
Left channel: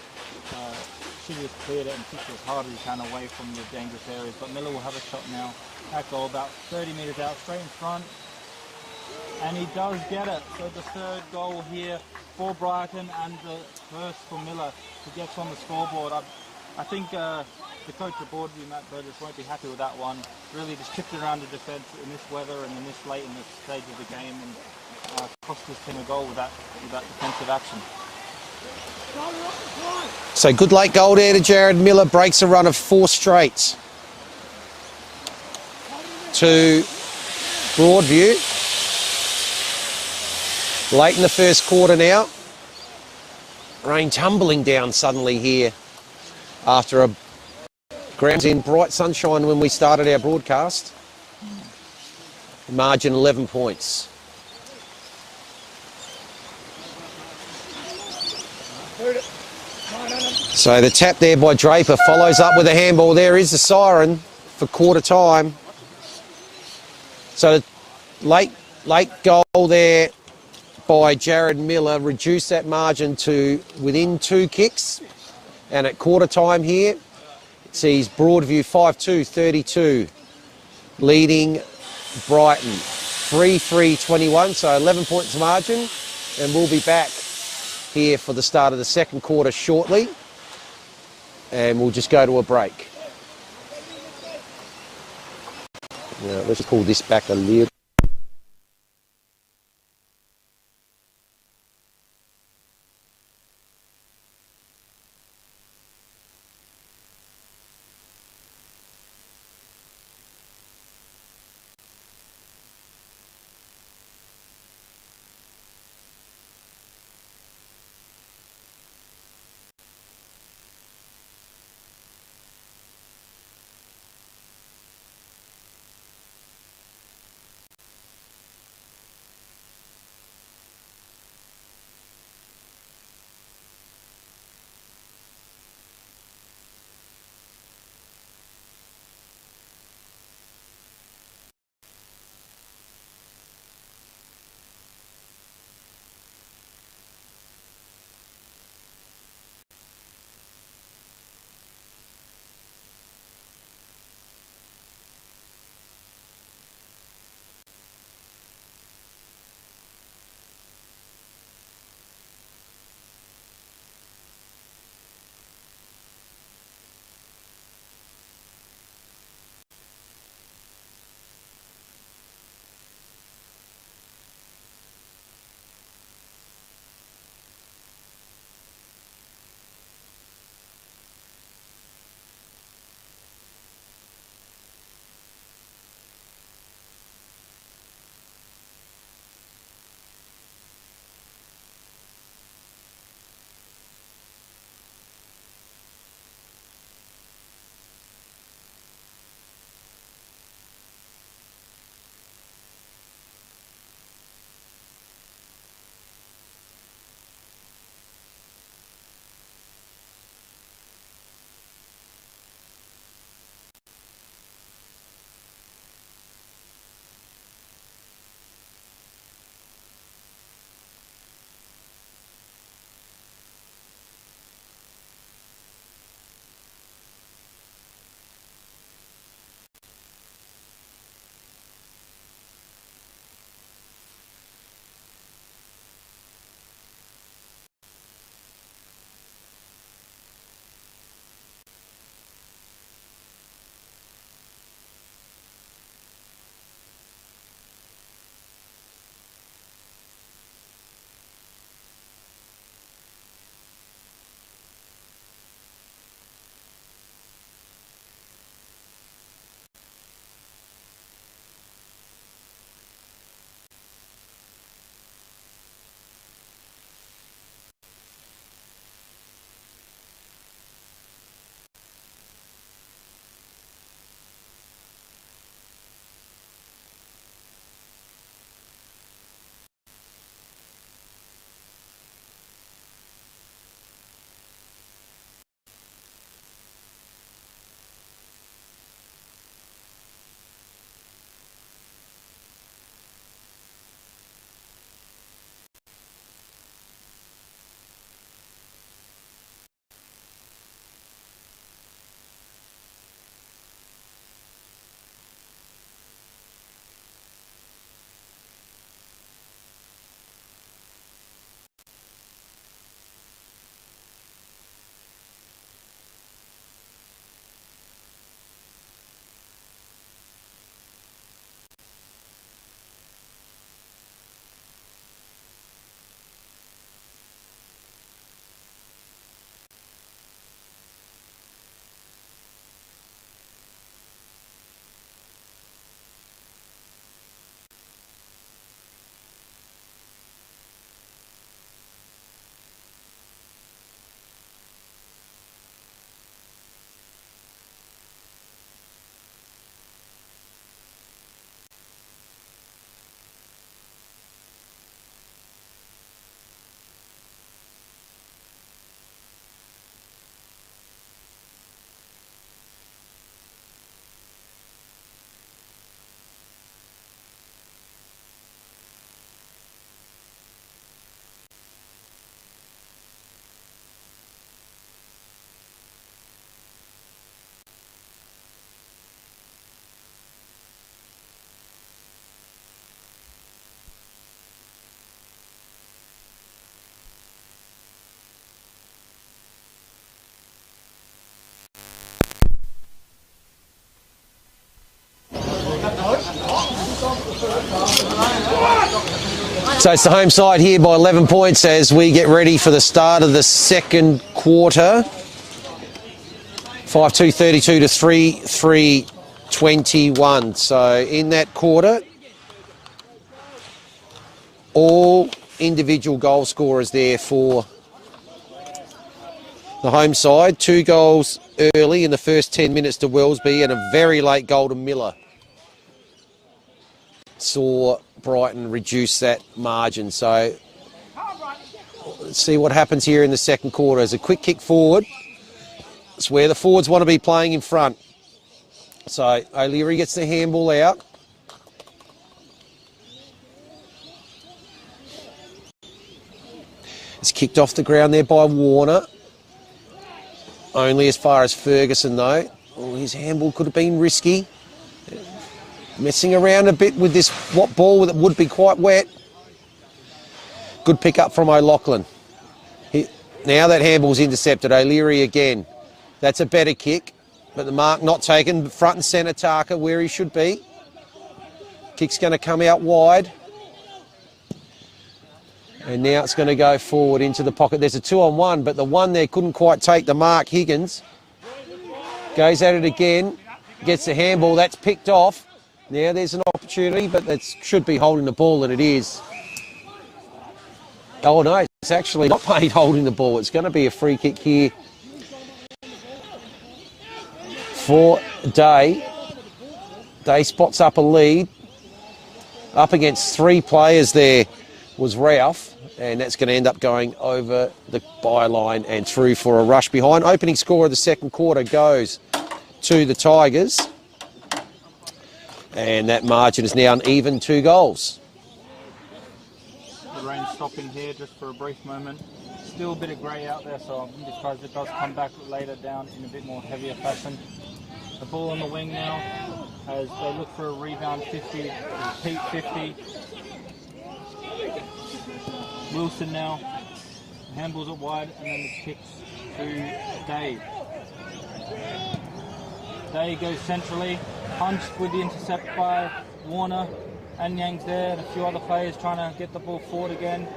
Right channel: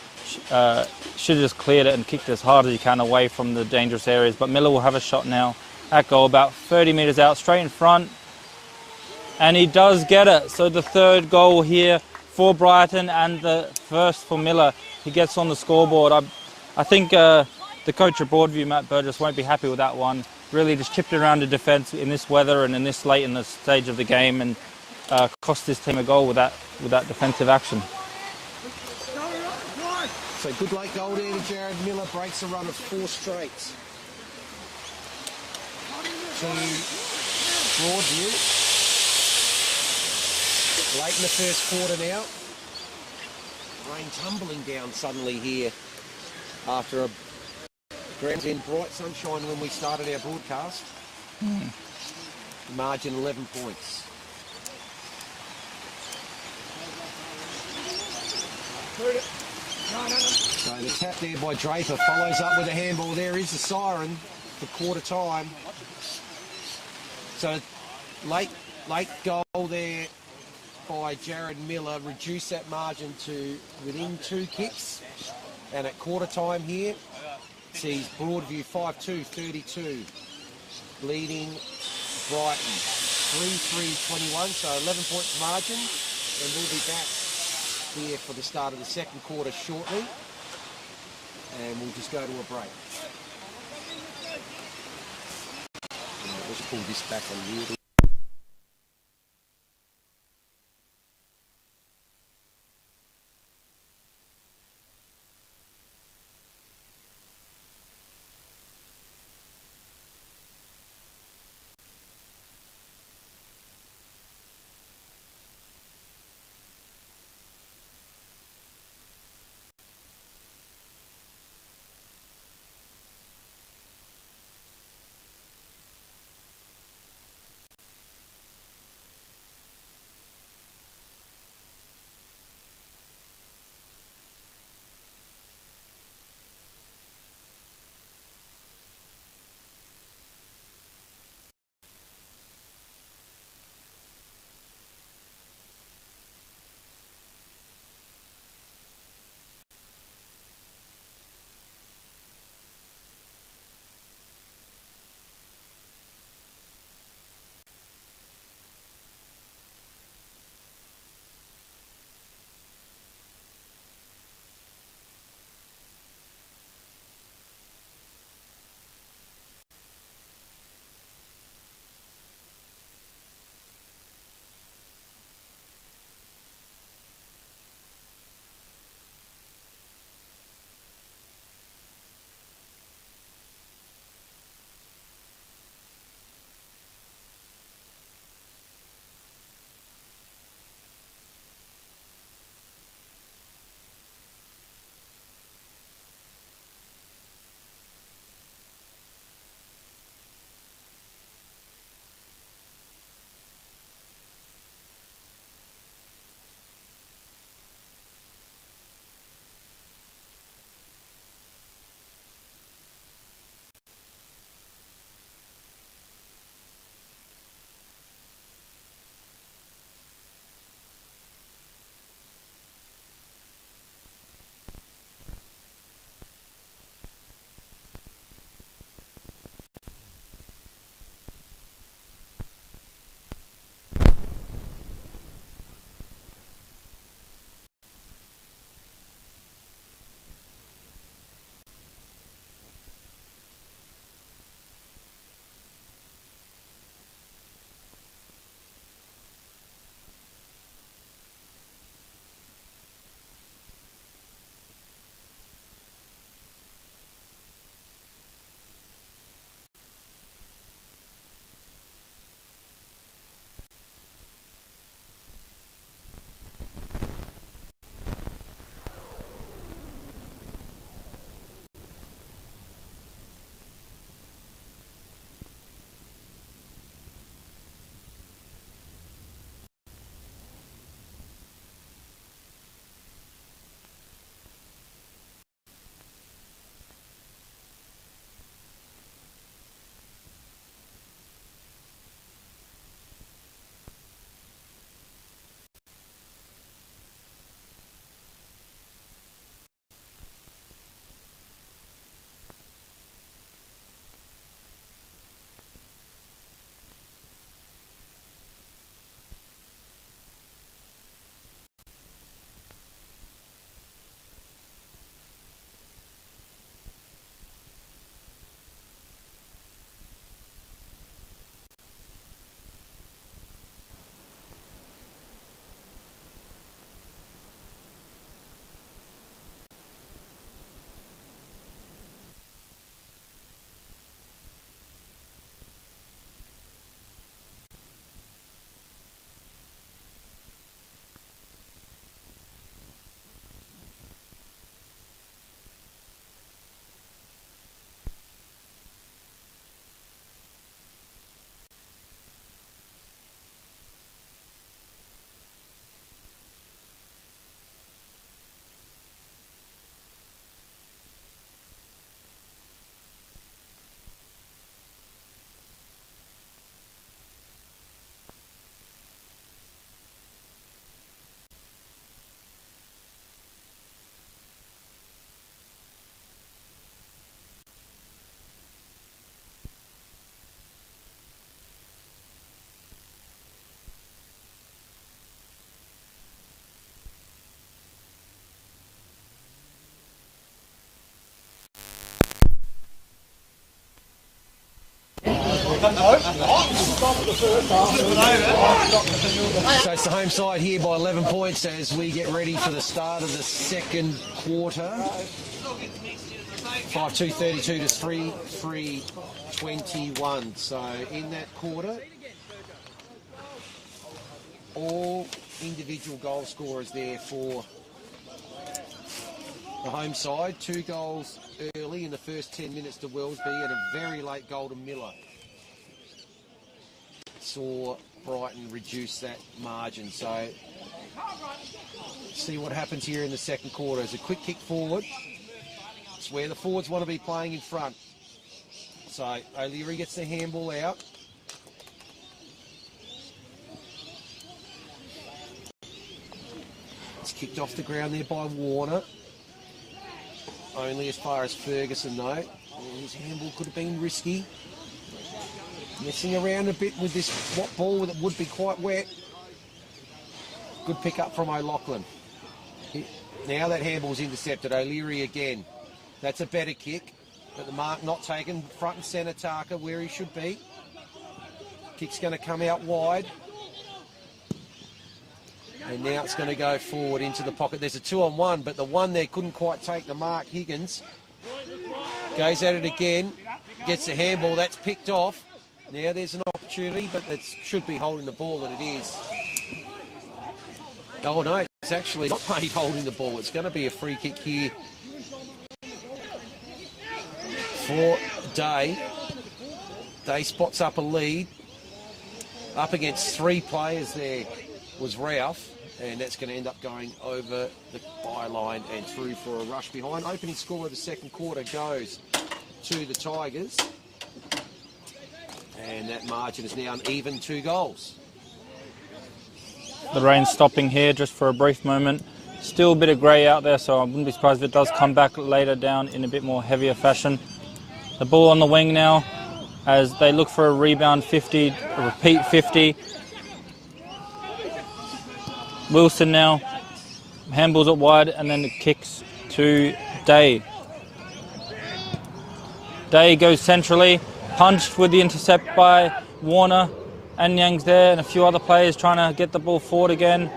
Should have just cleared it and kicked it as hard as you can away from the dangerous areas. But Miller will have a shot now at goal, about 30 metres out, straight in front. And he does get it. So the third goal here for Brighton and the first for Miller. He gets on the scoreboard. I think the coach at Broadview, Matt Burgess, won't be happy with that one. Really just chipped it around the defence in this weather and in this late in the stage of the game, and cost his team a goal with that defensive action. So good late goal there to Jared Miller. Breaks a run of 4 straight to Broadview. Late in the first quarter now. Rain tumbling down suddenly here after a grounds in bright sunshine when we started our broadcast. Margin 11 points. So the tap there by Draper follows up with a handball. There is the siren for quarter time. So late goal there by Jared Miller reduced that margin to within 2 kicks. And at quarter time here, it sees Broadview 5-2, 32, leading Brighton 3-3-21, so 11 points margin. And we'll be back here for the start of the second quarter shortly. And we'll just go to a break. Now, let's pull this back a little. So it's the home side here by 11 points as we get ready for the start of the second quarter. 5-2-32 to 3-3-21. So in that quarter, all individual goal scorers there for the home side. 2 goals early in the first 10 minutes to Wellesby and a very late goal to Miller. Saw Brighton reduce that margin. So let's see what happens here in the second quarter. As a quick kick forward. It's where the forwards want to be playing in front. So O'Leary gets the handball out. It's kicked off the ground there by Warner. Only as far as Ferguson though. Oh, his handball could have been risky. Messing around a bit with this ball that would be quite wet. Good pick up from O'Loughlin. Now that handball's intercepted. O'Leary again. That's a better kick, but the mark not taken. Front and centre Tarka where he should be. Kick's going to come out wide. And now it's going to go forward into the pocket. There's a 2-on-1, but the one there couldn't quite take the mark. Higgins goes at it again. Gets the handball. That's picked off. Now there's an opportunity, but that should be holding the ball, and it is. Oh no, it's actually not paid holding the ball. It's going to be a free kick here for Day. Day spots up a lead. Up against 3 players there was Ralph, and that's going to end up going over the byline and through for a rush behind. Opening score of the second quarter goes to the Tigers. And that margin is now an even 2 goals. The rain stopping here just for a brief moment. Still a bit of grey out there, so I wouldn't be surprised if it does come back later down in a bit more heavier fashion. The ball on the wing now as they look for a rebound 50, a repeat 50. Wilson now handballs it wide and then it kicks to Day. Day goes centrally. Punched with the intercept by Warner. Anyang's there and a few other players trying to get the ball forward again.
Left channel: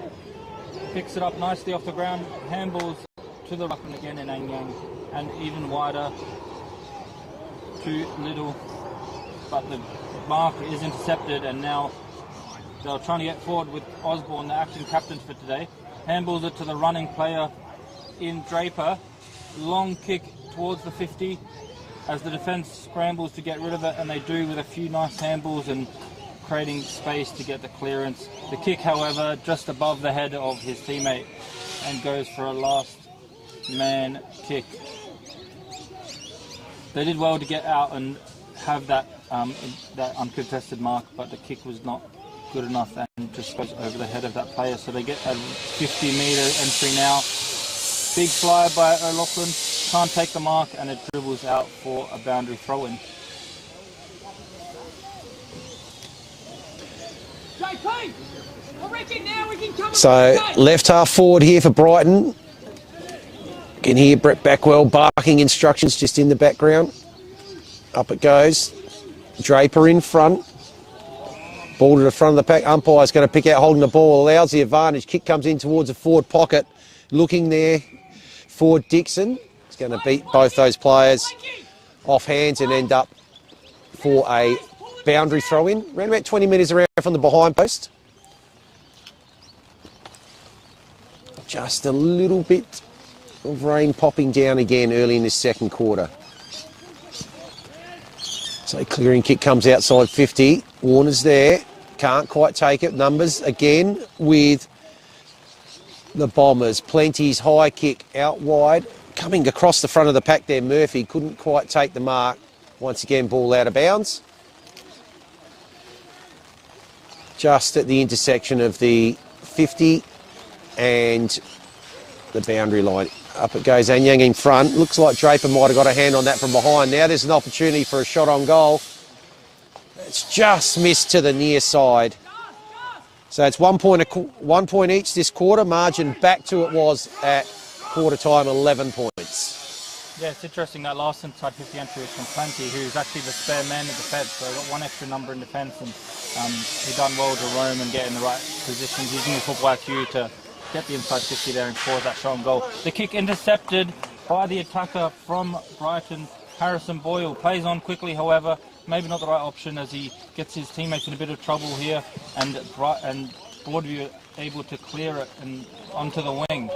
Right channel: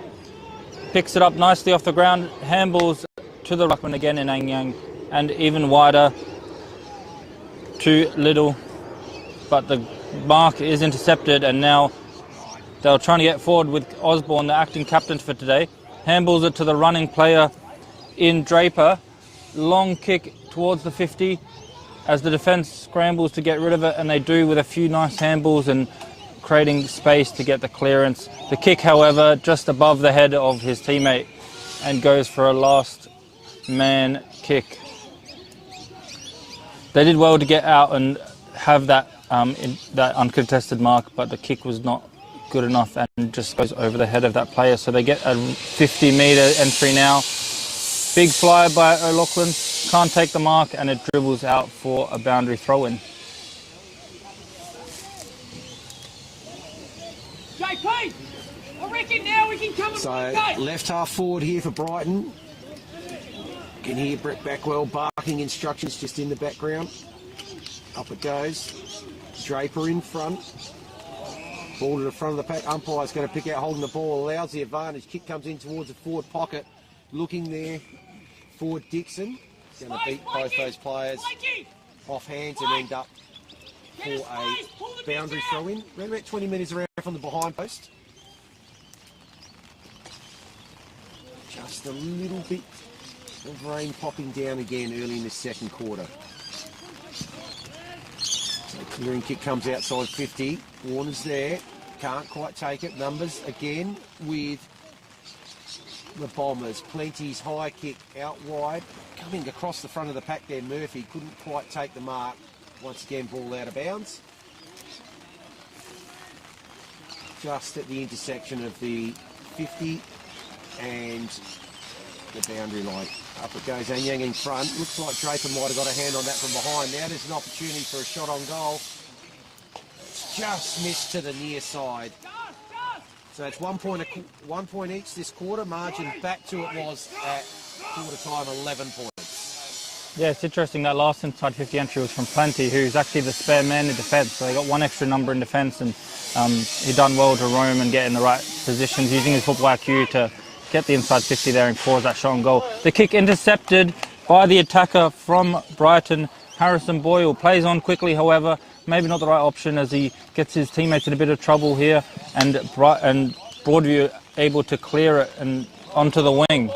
Picks it up nicely off the ground. Handballs to the ruckman again in Anyang. And even wider to Little. But the mark is intercepted and now they're trying to get forward with Osborne, the acting captain for today. Handballs it to the running player in Draper. Long kick towards the 50. As the defence scrambles to get rid of it, and they do with a few nice handballs and creating space to get the clearance. The kick, however, just above the head of his teammate and goes for a last man kick. They did well to get out and have that that uncontested mark, but the kick was not good enough and just goes over the head of that player. So they get a 50-metre entry now. Big fly by O'Loughlin. Can't take the mark and it dribbles out for a boundary throw-in. So left half forward here for Brighton. You can hear Brett Backwell barking instructions just in the background. Up it goes. Draper in front. Ball to the front of the pack. Umpire's going to pick out holding the ball. Allows the advantage. Kick comes in towards the forward pocket. Looking there for Dixon. He's going to beat both those players off hands and end up for a boundary throw-in. Around about 20 metres around from the behind post. Just a little bit of rain popping down again early in this second quarter. So clearing kick comes outside 50. Warner's there. Can't quite take it. Numbers again with the Bombers. Plenty's high kick out wide. Coming across the front of the pack there, Murphy couldn't quite take the mark. Once again, ball out of bounds. Just at the intersection of the 50 and the boundary line. Up it goes, Anyang in front. Looks like Draper might have got a hand on that from behind. Now there's an opportunity for a shot on goal. It's just missed to the near side. So it's 1 point each this quarter. Margin back to it was at quarter time, 11 points. Yeah, it's interesting that last inside 50 entry was from Plenty, who's actually the spare man in defence. So they got one extra number in defence, and he done well to roam and get in the right positions, using his football IQ to get the inside 50 there and cause that shot on goal. The kick intercepted by the attacker from Brighton, Harrison Boyle. Plays on quickly, however, maybe not the right option as he gets his teammates in a bit of trouble here, and Broadview able to clear it and onto the wing.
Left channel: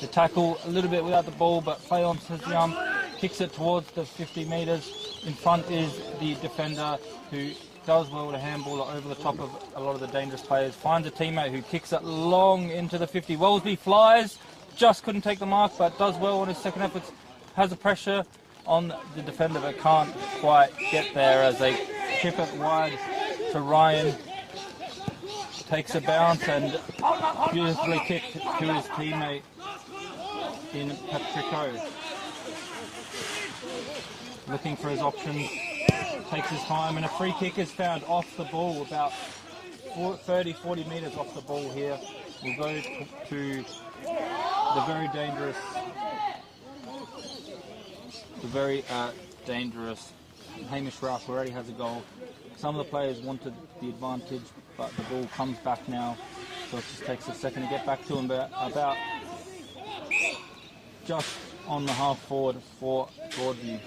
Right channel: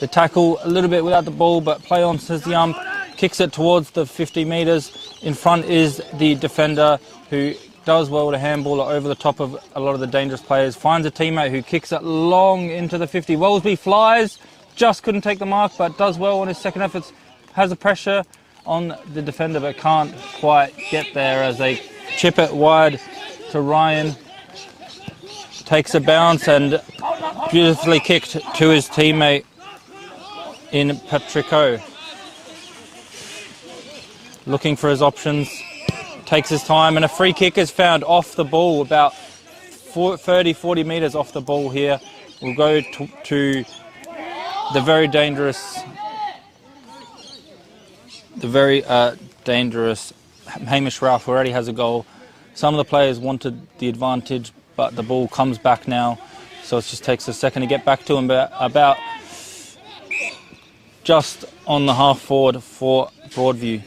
The tackle a little bit without the ball, but play on, says the ump, kicks it towards the 50 metres. In front is the defender who does well to handball it over the top of a lot of the dangerous players. Finds a teammate who kicks it long into the 50. Wellesby flies, just couldn't take the mark, but does well on his second efforts. Has the pressure on the defender, but can't quite get there as they chip it wide to Ryan. Takes a bounce and beautifully kicked to his teammate in Patrico. Looking for his options, takes his time, and a free kick is found off the ball, about 30-40 metres off the ball here. We'll go to the very dangerous Hamish Ralph, who already has a goal. Some of the players wanted the advantage, but the ball comes back now, so it just takes a second to get back to him, but about just on the half forward for Broadview.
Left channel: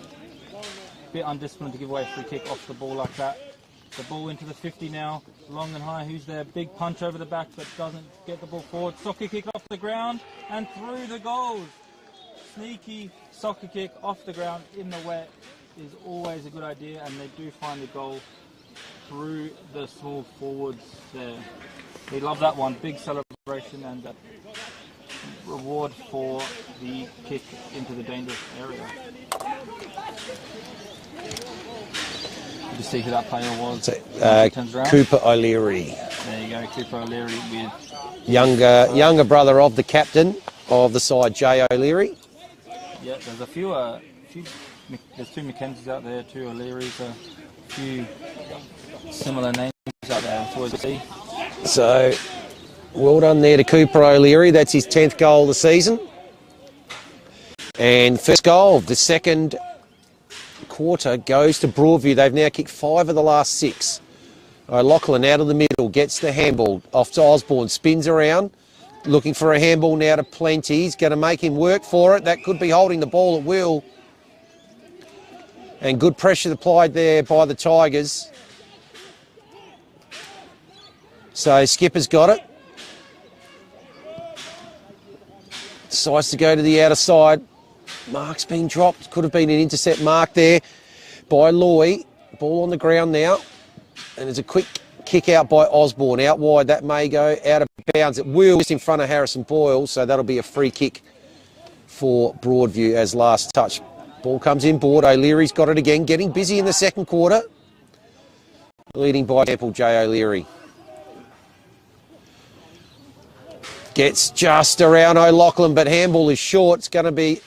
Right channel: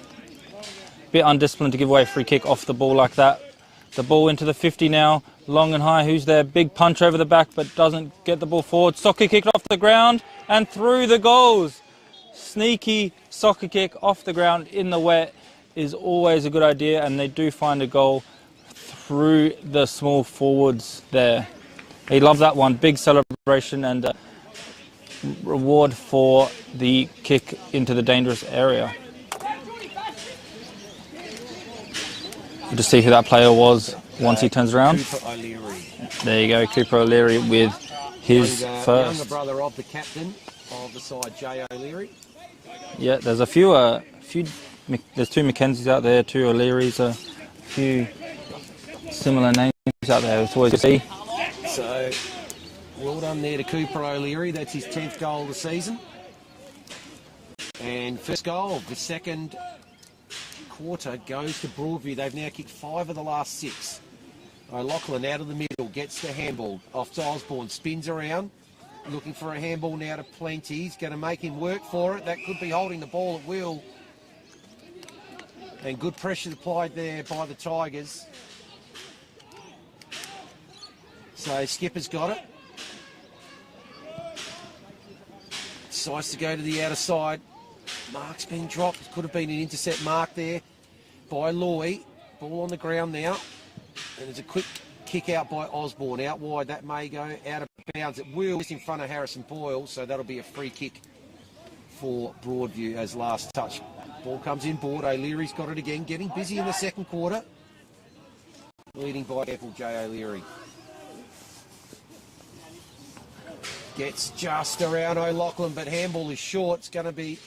Bit undisciplined to give away a free kick off the ball like that. The ball into the 50 now, long and high. Who's there? Big punch over the back, but doesn't get the ball forward. Soccer kick off the ground and through the goals. Sneaky soccer kick off the ground in the wet is always a good idea, and they do find a goal through the small forwards there. He loved that one. Big celebration and reward for the kick into the dangerous area. We'll just see who that player was once he turns around. Cooper O'Leary. There you go, Cooper O'Leary with his younger brother of the captain of the side, Jay O'Leary. Yeah, there's a few. There's two Mackenzies out there, two O'Learys, a few similar names out there. It's always good to see. So, well done there to Cooper O'Leary. That's his 10th goal of the season. And first goal of the second quarter goes to Broadview. They've now kicked 5 of the last 6. Lachlan out of the middle, gets the handball off to Osborne, spins around, looking for a handball now to Plenty. He's going to make him work for it. That could be holding the ball at will. And good pressure applied there by the Tigers. So Skipper's got it. Decides to go to the outer side. Mark's been dropped. Could have been an intercept mark there by Loy. Ball on the ground now. And there's a quick kick out by Osborne. Out wide, that may go out of bounds. It will just in front of Harrison Boyle, so that'll be a free kick for Broadview as last touch. Ball comes in board. O'Leary's got it again. Getting busy in the second quarter. Leading by example, Jay O'Leary. Gets just around O'Loughlin, but handball is short. It's going to be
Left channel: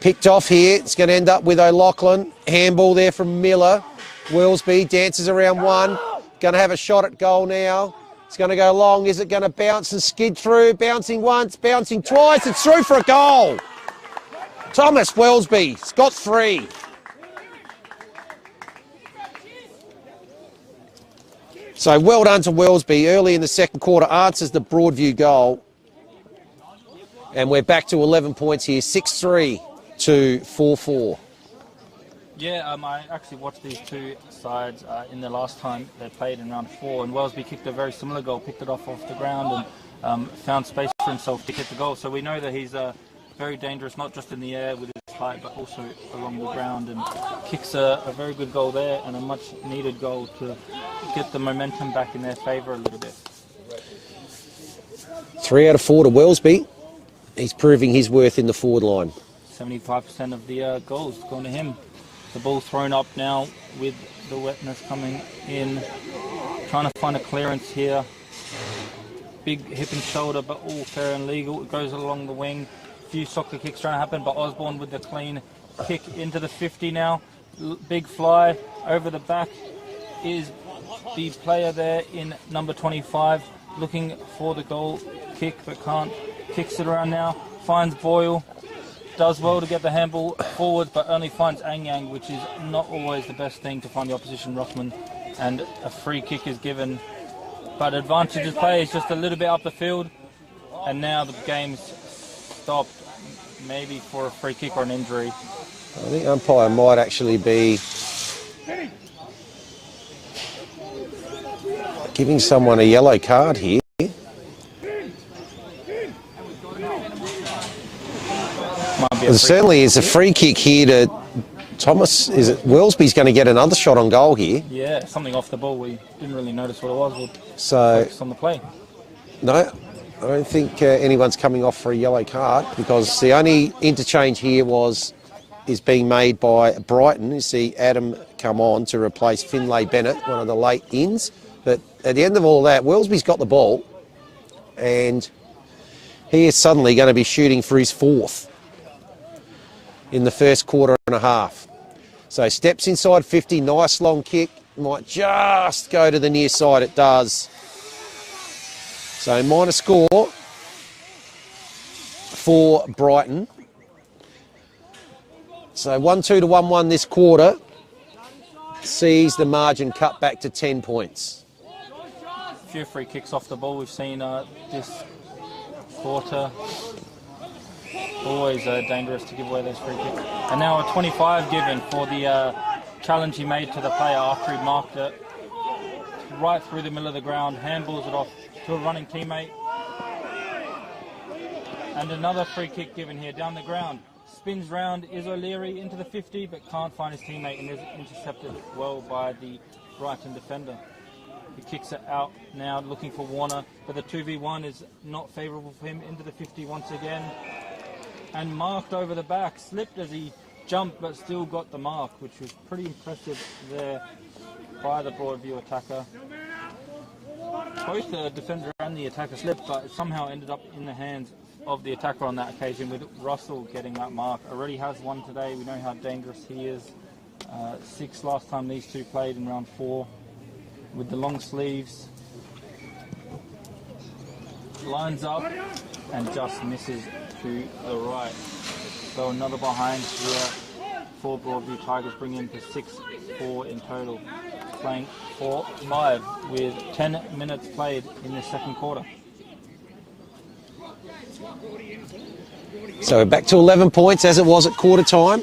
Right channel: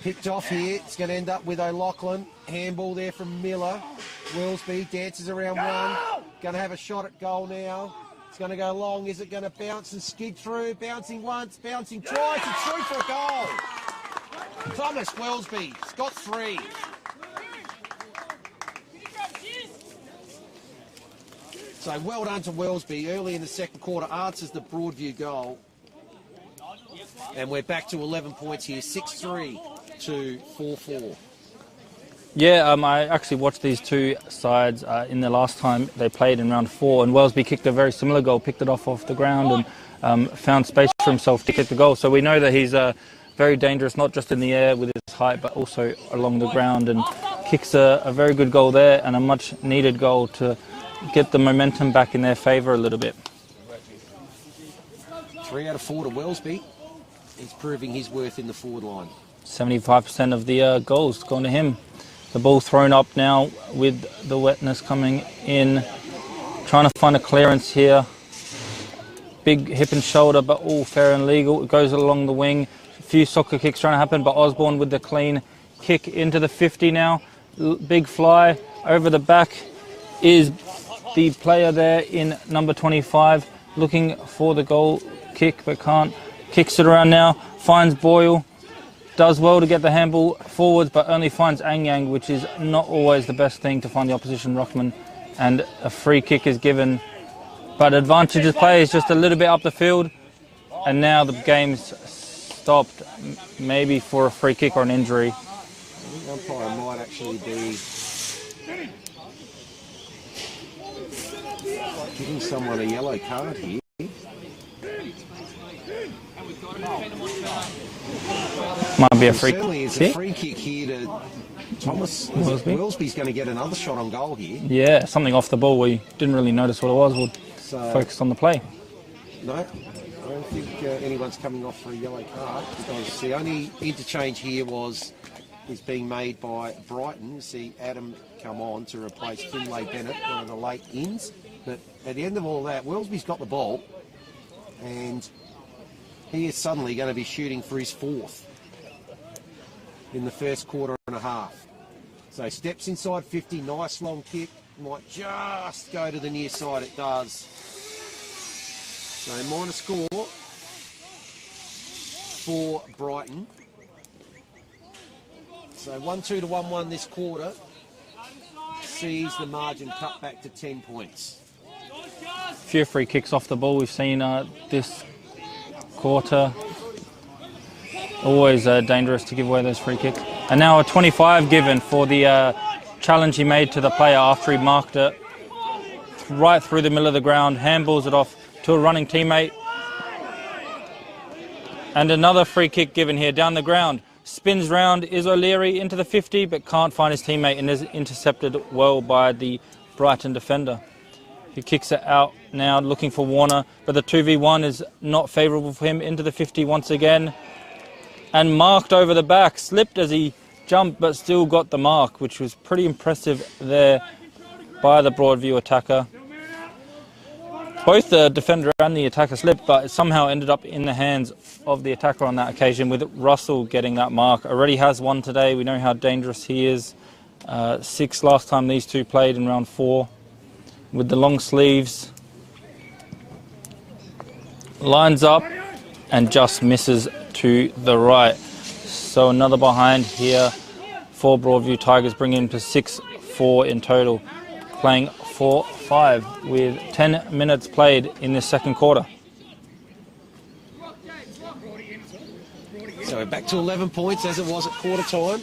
picked off here. It's going to end up with O'Loughlin. Handball there from Miller. Wellesby dances around one. Going to have a shot at goal now. It's going to go long. Is it going to bounce and skid through? Bouncing once, bouncing twice. It's through for a goal. Thomas Wellesby's got 3. So well done to Wellesby. Early in the second quarter answers the Broadview goal. And we're back to 11 points here. 6-3 to 4-4. Yeah, I actually watched these two sides in the last time they played in round 4, and Wellesby kicked a very similar goal, picked it off the ground and found space for himself to kick the goal. So we know that he's very dangerous, not just in the air with his height, but also along the ground, and kicks a very good goal there and a much needed goal to get the momentum back in their favour a little bit. 3 out of 4 to Wellesby. He's proving his worth in the forward line. 75% of the goals gone to him. The ball thrown up now with the wetness coming in. Trying to find a clearance here. Big hip and shoulder, but all fair and legal. It goes along the wing. A few soccer kicks trying to happen, but Osborne with the clean kick into the 50 now. Big fly over the back is the player there in number 25, looking for the goal kick, but can't. Kicks it around now. finds Boyle, does well to get the handball forwards, but only finds Anyang, which is not always the best thing to find the opposition ruckman. And a free kick is given. But advantageous play is just a little bit up the field. And now the game's stopped, maybe for a free kick or an injury. I think umpire might actually be giving someone a yellow card here. Might be certainly is a free kick here to Thomas. Is it Wellesby's going to get another shot on goal here? Yeah, something off the ball where you didn't really notice what it was. We'll focus on the play. No, I don't think anyone's coming off for a yellow card, because the only interchange here is being made by Brighton. You see Adam come on to replace Finlay Bennett, one of the late ins. But at the end of all that, Wellesby's got the ball, and he is suddenly going to be shooting for his fourth in the first quarter and a half. So steps inside 50, nice long kick, might just go to the near side, it does. So minor score for Brighton. So 1-2 to 1-1 this quarter sees the margin cut back to 10 points. A few free kicks off the ball we've seen this quarter. Always dangerous to give away those free kicks. And now a 25 given for the challenge he made to the player after he marked it right through the middle of the ground, handballs it off to a running teammate. And another free kick given here down the ground. Spins round, is O'Leary into the 50, but can't find his teammate and is intercepted well by the Brighton defender. He kicks it out now, looking for Warner, but the 2v1 is not favourable for him. Into the 50 once again. And marked over the back, slipped as he jumped, but still got the mark, which was pretty impressive there by the Broadview attacker. Both the defender and the attacker slipped, but it somehow ended up in the hands of the attacker on that occasion, with Russell getting that mark. Already has one today. We know how dangerous he is. 6 last time these two played in round 4. With the long sleeves. Lines up and just misses to the right. So another behind here for Broadview Tigers, bringing him to 6-4 in total, playing 4-5 with 10 minutes played in the second quarter. So back to 11 points as it was at quarter time.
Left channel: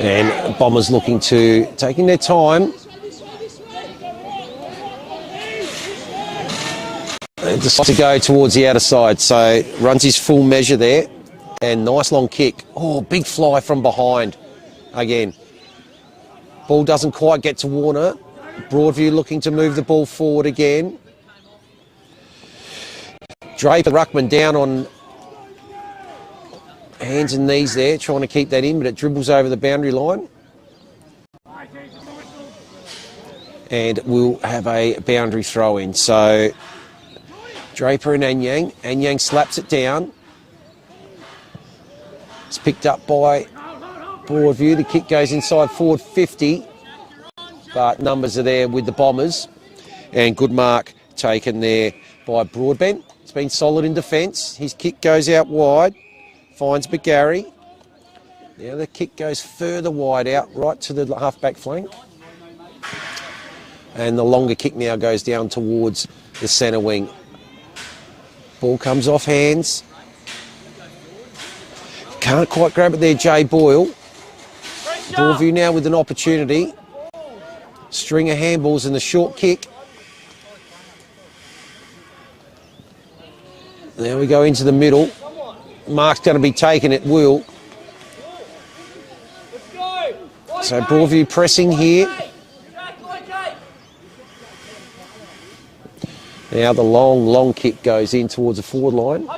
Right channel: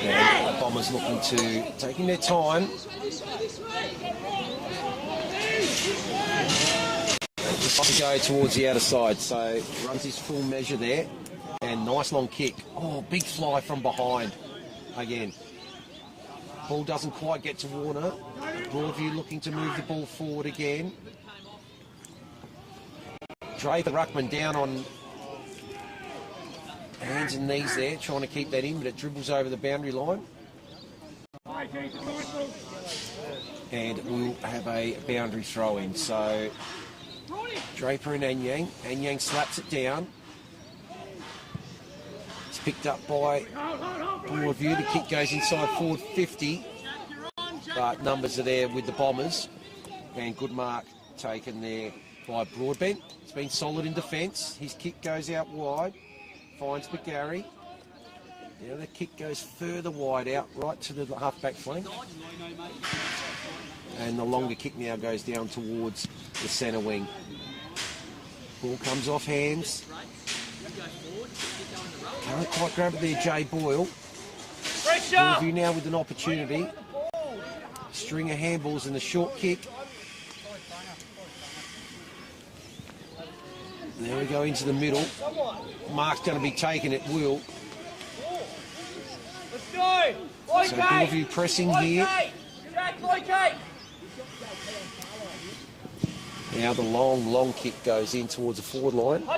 And Bombers looking to, taking their time. And decides to go towards the outer side. So runs his full measure there. And nice long kick. Oh, big fly from behind again. Ball doesn't quite get to Warner. Broadview looking to move the ball forward again. Draper ruckman down on hands and knees there, trying to keep that in, but it dribbles over the boundary line. And we'll have a boundary throw in. So Draper and Anyang. Anyang slaps it down. It's picked up by Broadview. The kick goes inside forward 50. But numbers are there with the Bombers. And good mark taken there by Broadbent. It's been solid in defence. His kick goes out wide. Finds McGarry. Now the kick goes further wide out, right to the half-back flank. And the longer kick now goes down towards the centre wing. Ball comes off hands. Can't quite grab it there, Jay Boyle. Broadview now with an opportunity. String of handballs and the short kick. There we go into the middle. Mark's going to be taken at will. So Broadview pressing here. Now the long kick goes in towards the forward line.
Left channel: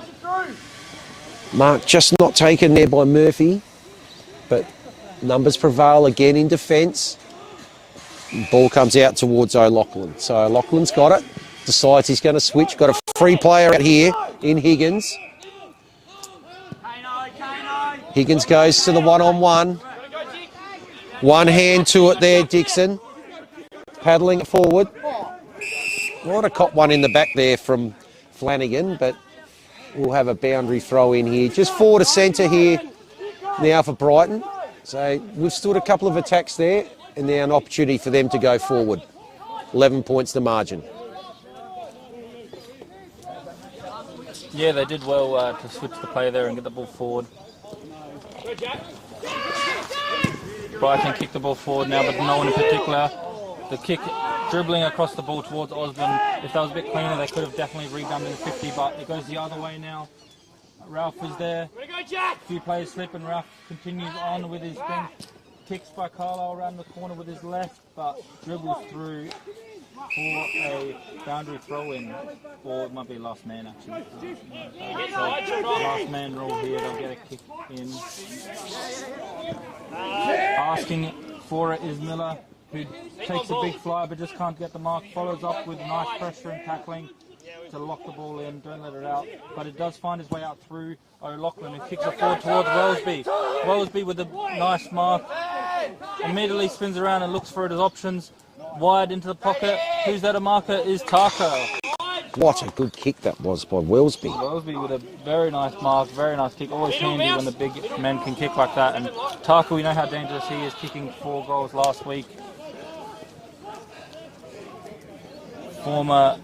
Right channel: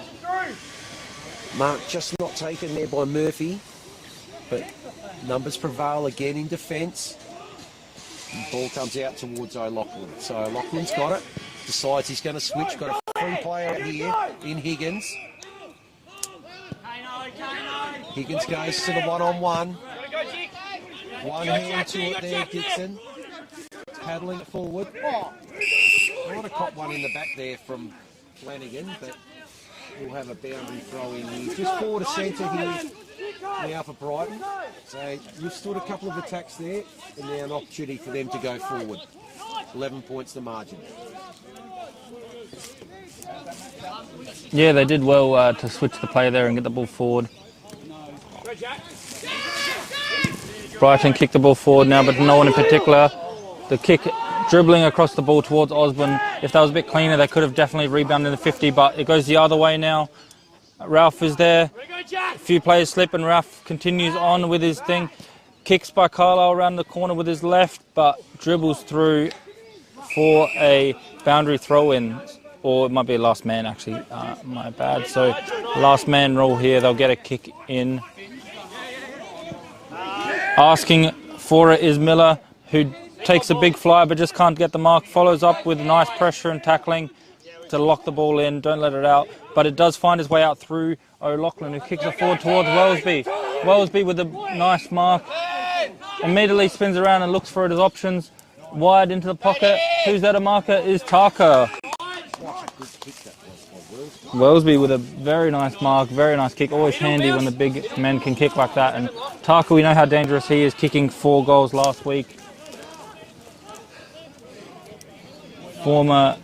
Mark just not taken there by Murphy, but numbers prevail again in defence. Ball comes out towards O'Loughlin. So O'Loughlin's got it. Decides he's going to switch. Got a free player out here in Higgins. Higgins goes to the one-on-one. One hand to it there, Dixon. paddling it forward. Might have caught one in the back there from Flanagan, but we'll have a boundary throw in here. Just forward to centre here now for Brighton. So we've stood a couple of attacks there, and now an opportunity for them to go forward. 11 points the margin. Yeah, they did well to switch the play there and get the ball forward. Brighton kicked the ball forward now, but no one in particular. The kick dribbling across the ball towards Osborne. If that was a bit cleaner, they could have definitely rebounded the 50, but it goes the other way now. Ralph is there. A few players slip and Ralph continues on with his thing. Kicks by Carlisle around the corner with his left, but dribbles through for a boundary throw-in. Or it might be a last man, actually. My bad. So last man rule here. They'll get a kick in. Asking for it is Miller, who takes a big fly but just can't get the mark. Follows up with nice pressure and tackling to lock the ball in. Don't let it out. But it does find its way out through O'Loughlin, who kicks it forward towards Wellesby. Wellesby with a nice mark. Immediately spins around and looks for his options. Wide into the pocket. Who's there to mark it is Tarker. What a good kick that was by Wellesby. Wellesby with a very nice mark, very nice kick. Always handy when the big men can kick like that. And Tarker, we know how dangerous he is, kicking 4 goals last week. Former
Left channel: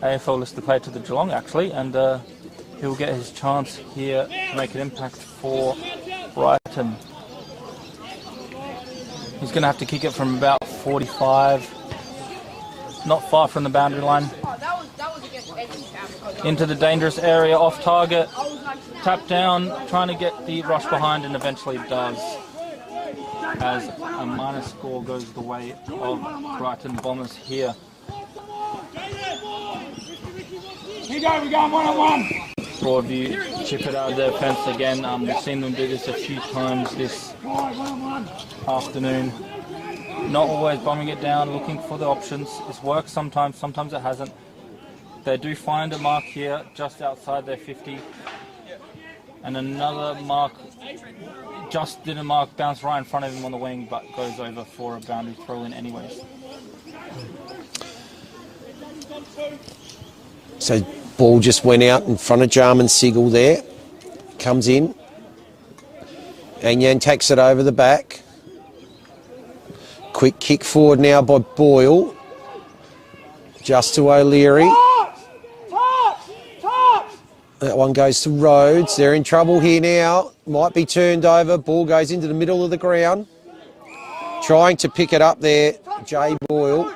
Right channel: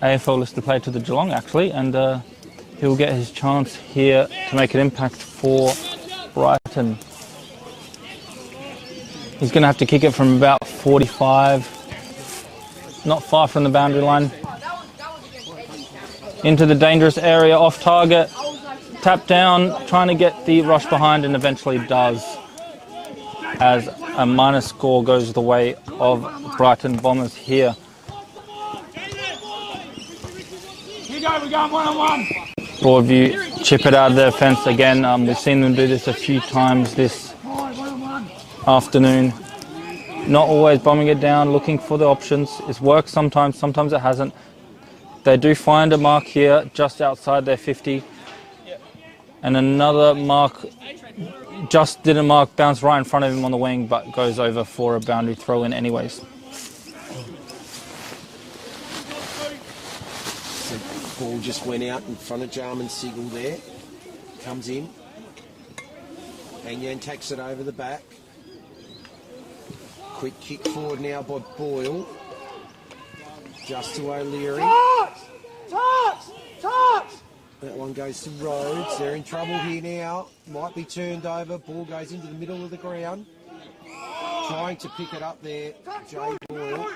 AFL listed player to the Geelong, actually, and he'll get his chance here to make an impact for Brighton. He's going to have to kick it from about 45, not far from the boundary line. Into the dangerous area, off target, tap down, trying to get the rush behind, and eventually does, as a minus score goes the way of Brighton Bombers here. We're going 1-on-1. Broadview chip it out of their fence again. We've seen them do this a few times this afternoon. Not always bombing it down, looking for the options. It's worked sometimes, sometimes it hasn't. They do find a mark here just outside their 50. And another mark, just didn't mark, bounced right in front of him on the wing, but goes over for a boundary throw in anyways. So ball just went out in front of Jarman Sigel there. Comes in. And Yan takes it over the back. Quick kick forward now by Boyle. Just to O'Leary. That one goes to Rhodes. They're in trouble here now. Might be turned over. Ball goes into the middle of the ground. Trying to pick it up there. Jay Boyle.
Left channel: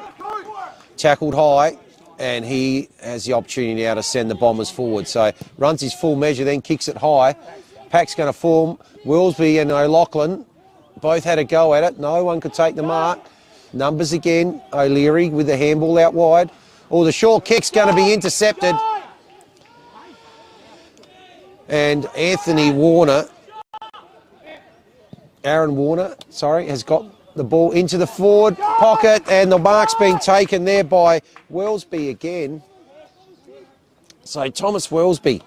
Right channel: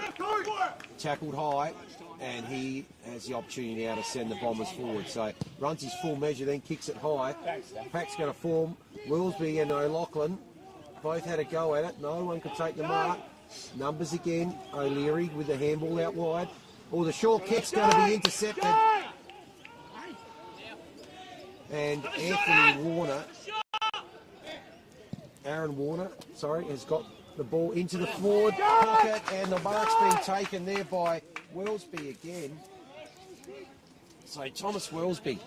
Tackled high. And he has the opportunity now to send the Bombers forward. So runs his full measure, then kicks it high. Pack's going to form. Willsby and O'Loughlin both had a go at it. No one could take the mark. Numbers again. O'Leary with the handball out wide. Oh, the short kick's going to be intercepted. And Anthony Warner, Aaron Warner, sorry, has got the ball into the forward pocket, and the mark's been taken there by Wellesby again. So Thomas Wellesby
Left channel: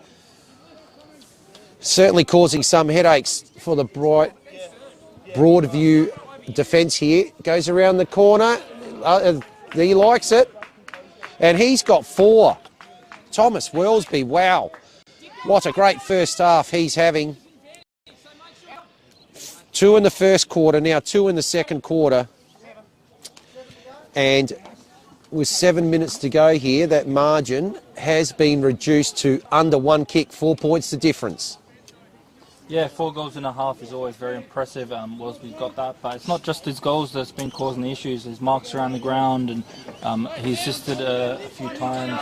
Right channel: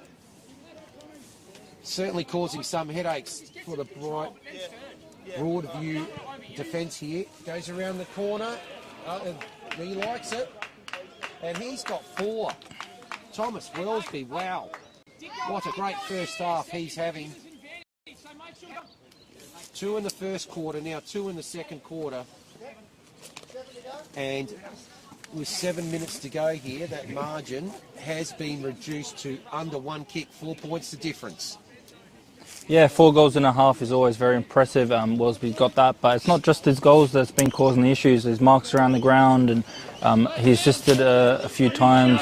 certainly causing some headaches for the Broadview defence here. Goes around the corner. He likes it. And he's got 4. Thomas Wellesby, wow. What a great first half he's having. 2 in the first quarter, now 2 in the second quarter. And with 7 minutes to go here, that margin has been reduced to under 1 kick, 4 points the difference. Yeah, 4 goals and a half is always very impressive. Wellesby's got that, but it's not just his goals that's been causing the issues. There's marks around the ground, and he's assisted a few times.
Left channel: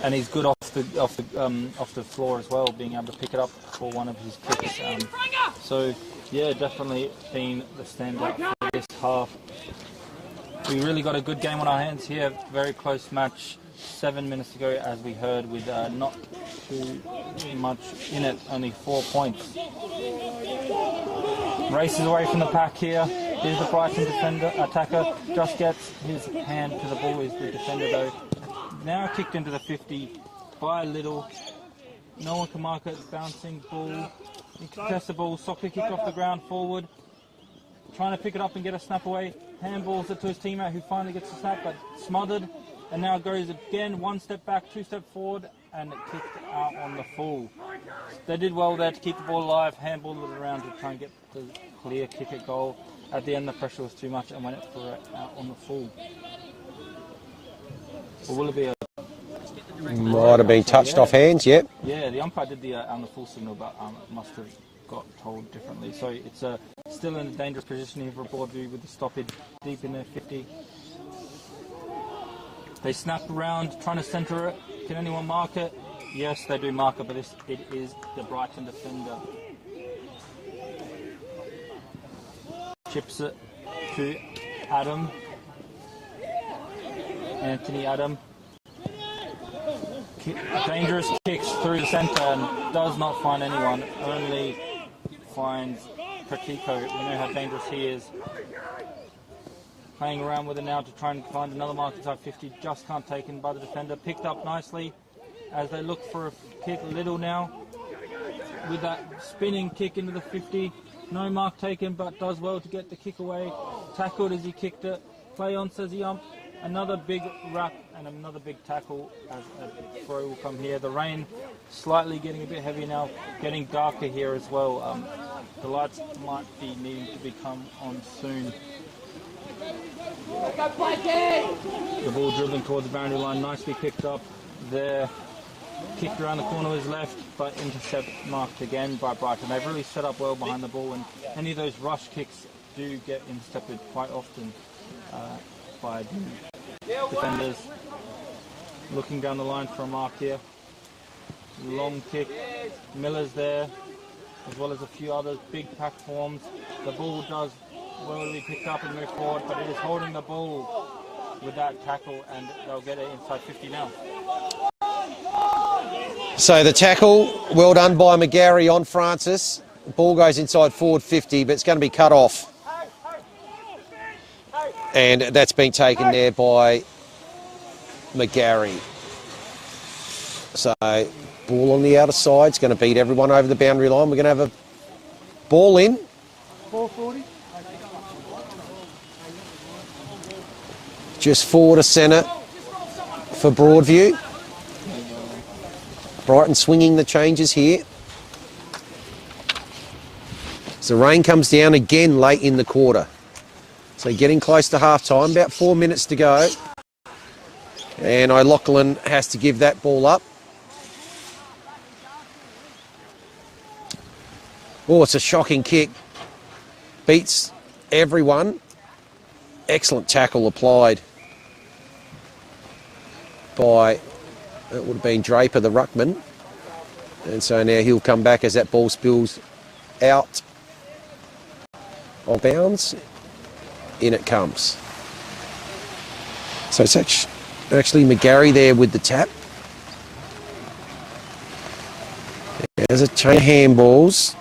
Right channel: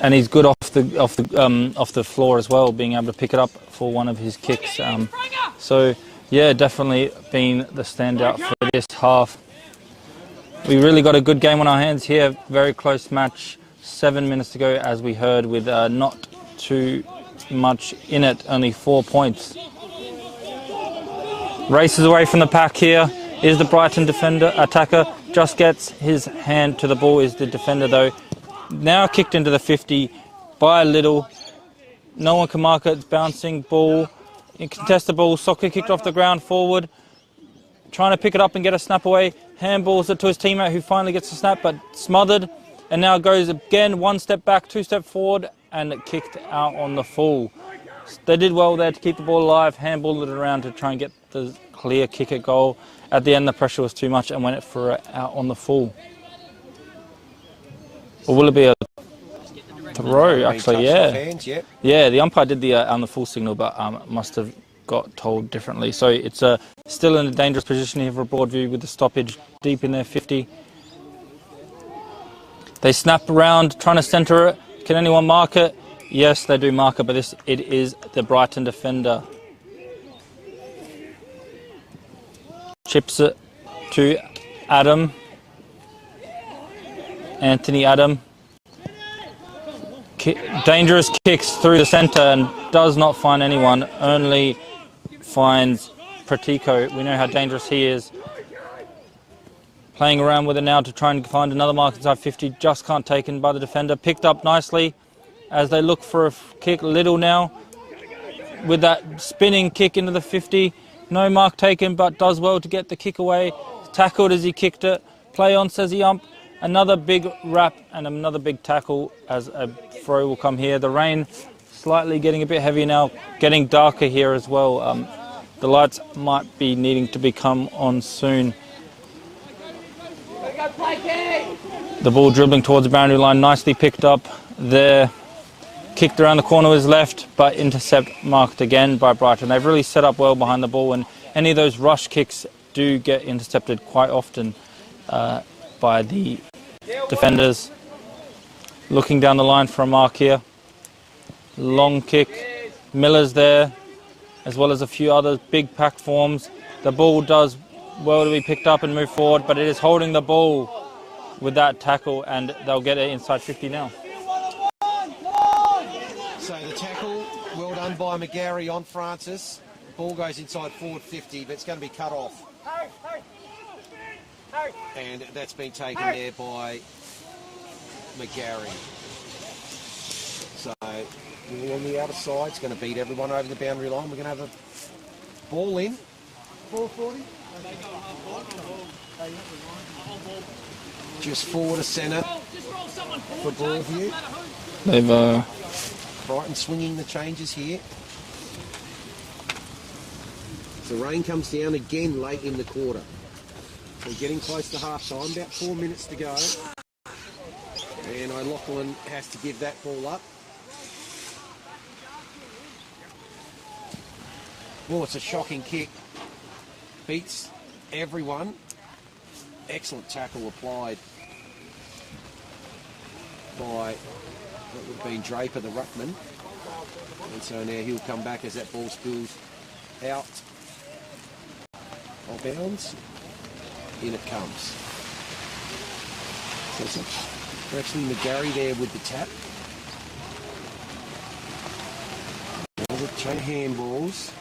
And he's good off the floor as well, being able to pick it up for one of his kicks. So, yeah, definitely been the standout for this half. We really got a good game on our hands here. Very close match. 7 minutes to go, as we heard, with not too much in it. Only 4 points. Races away from the pack here is the Brighton defender attacker. Just gets his hand to the ball. Is the defender though. Now kicked into the 50 by a little. No one can mark it. Bouncing ball. Contested ball. Soccer kicked off the ground forward. Trying to pick it up and get a snap away. handballs it to his teammate who finally gets a snap, but smothered. And now goes again, 1 step back, 2 step forward, and kicked out on the full. They did well there to keep the ball alive, handballed it around to try and get the clear kick at goal. At the end, the pressure was too much and went for it out on the full. Or will it be a throw? Might have been touched off hands, yep. Yeah, the umpire did the on the full signal, but must have got told differently. So it's still in a dangerous position here for Broadview with the stoppage deep in their 50. They snap around, trying to centre it. Can anyone mark it? Yes, they do mark it, but it is the Brighton defender. Chips it to Adam. Anthony Adam. Dangerous kicks through the centre and does not find anyone, only finds Pratico. We know how dangerous he is. Playing around with it now to try and find another mark inside 50, just can't take in by the defender. Picked up nicely as they look for a kick. Little now with that spinning kick into the 50. No mark taken, but does well to get the kick away. Tackled as he kicked it. Play on, says the ump. Another big wrap and another big tackle as a throw will come here. The rain slightly getting a bit heavier now, getting darker here as well. The lights might be needing to become on soon. The ball dribbling towards the boundary line, nicely picked up there. Kicked around the corner with his left, but intercept marked again by Brighton. They've really set up well behind the ball, and any of those rush kicks do get intercepted quite often by the defenders. Looking down the line for a mark here. Long kick. Miller's there, as well as a few other big packed forms. The ball does well to be picked up and move forward, but it is holding the ball with that tackle, and they'll get it inside 50 now. So the tackle, well done by McGarry on Francis. The ball goes inside forward 50, but it's going to be cut off. And that's been taken there by McGarry. So ball on the outer side, it's going to beat everyone over the boundary line. We're going to have a ball in. 440. Just forward to centre for Broadview. They've Brighton swinging the changes here. So rain comes down again late in the quarter. So getting close to half time, about 4 minutes to go. And O'Loughlin has to give that ball up. Oh, it's a shocking kick. Beats everyone. Excellent tackle applied by, it would have been Draper, the ruckman. And so now he'll come back as that ball spills out of bounds. In it comes. So it's actually McGarry there with the tap. There's a chain of handballs.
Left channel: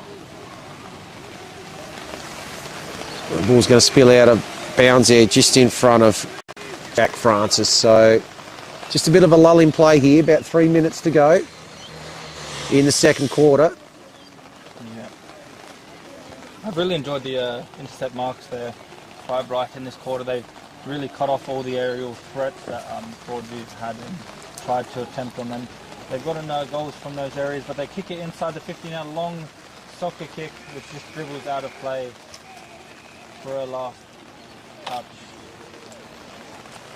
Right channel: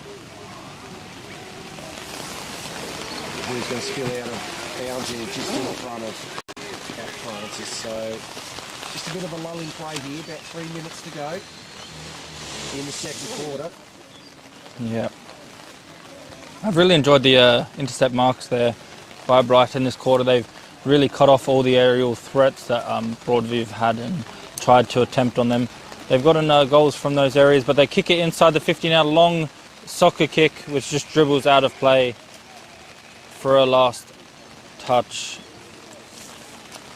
The ball's going to spill out of bounds there just in front of Jack Francis. So just a bit of a lull in play here, about 3 minutes to go in the second quarter. Yeah. I've really enjoyed the intercept marks there by Brighton this quarter. They've really cut off all the aerial threats that Broadview have had and tried to attempt on them. They've gotten goals from those areas, but they kick it inside the 50 now. Long soccer kick, which just dribbles out of play for a last touch.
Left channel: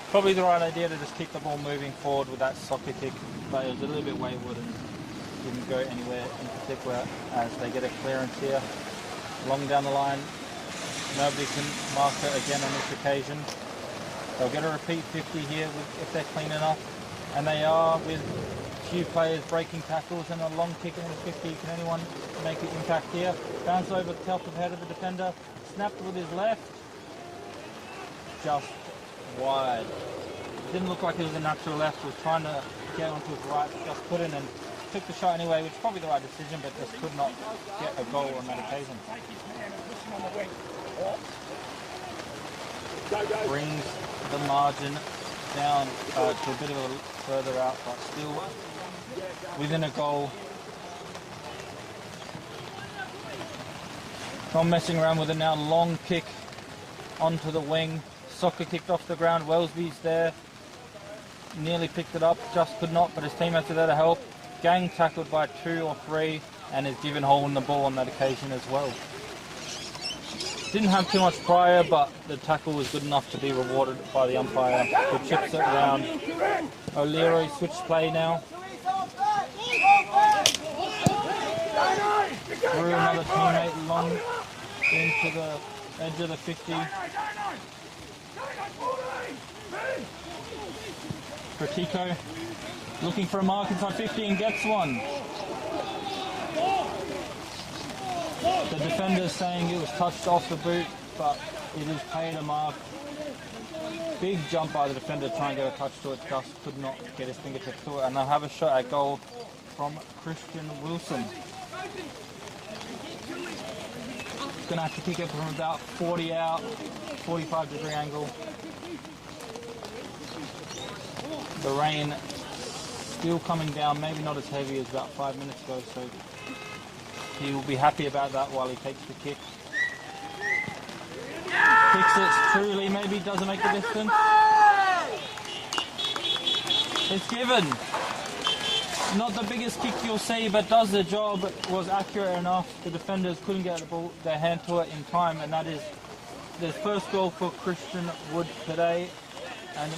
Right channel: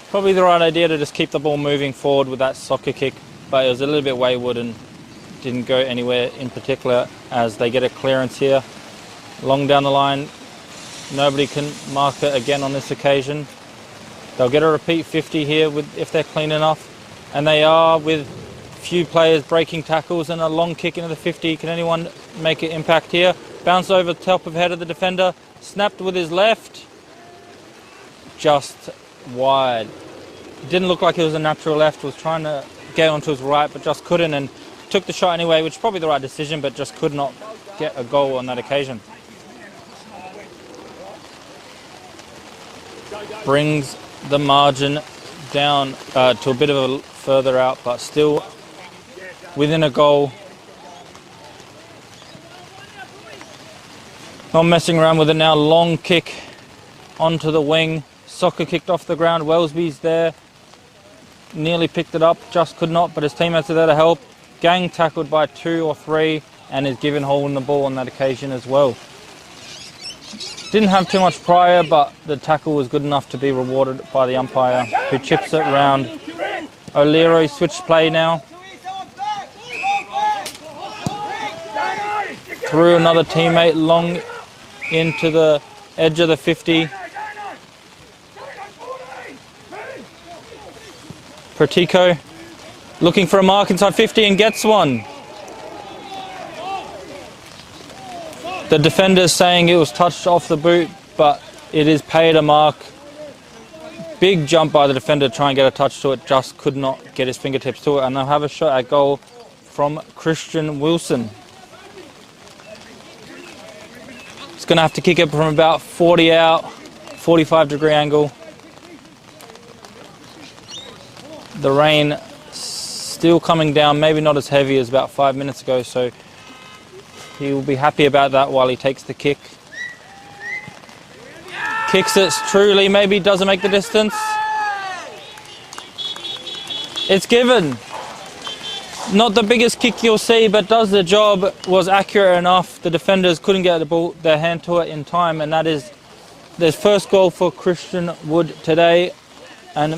Probably the right idea to just keep the ball moving forward with that soccer kick, but it was a little bit wayward and didn't go anywhere in particular as they get a clearance here. Long down the line. Nobody can mark it again on this occasion. They'll get a repeat 50 here if they're clean enough. And they are, with few players breaking tackles and a long kick into the 50. Can anyone make an impact here? Bounce over the top of head of the defender. Snapped with his left. Just wide. Didn't look like it was a natural left. Was trying to get onto his right, but just couldn't. And took the shot anyway, which is probably the right decision, but just could not get a goal on that occasion. Brings the margin down to a bit of a further out, but still within a goal. Not messing around with it now. Long kick onto the wing. Soccer kicked off the ground. Wellesby's there. Nearly picked it up, just could not, but his teammates are there to help. Gang tackled by 2 or 3 and is given holding the ball on that occasion as well. Didn't have too much prior, but the tackle was good enough to be rewarded by the umpire, who chips it round. O'Leary switched play now. Through another teammate long into the edge of the 50. Pratico looking for a mark inside 50 and gets one. The defender's saying it was touched off the boot, but it is paid a mark. Big jump by the defender to try and get a touch to it, just could not get his fingertips to it, and they'll have a shot at goal from Christian Wilson. He's going to have to kick it from about 40 out, 45-degree angle. The rain still coming down, maybe not as heavy as about 5 minutes ago, so he will be happy about that while he takes the kick. Kicks it truly, maybe doesn't make the distance. It's given. Not the biggest kick you'll see, but does the job, was accurate enough. The defenders couldn't get the ball, their hand to it in time, and that is their first goal for Christian Wood today. And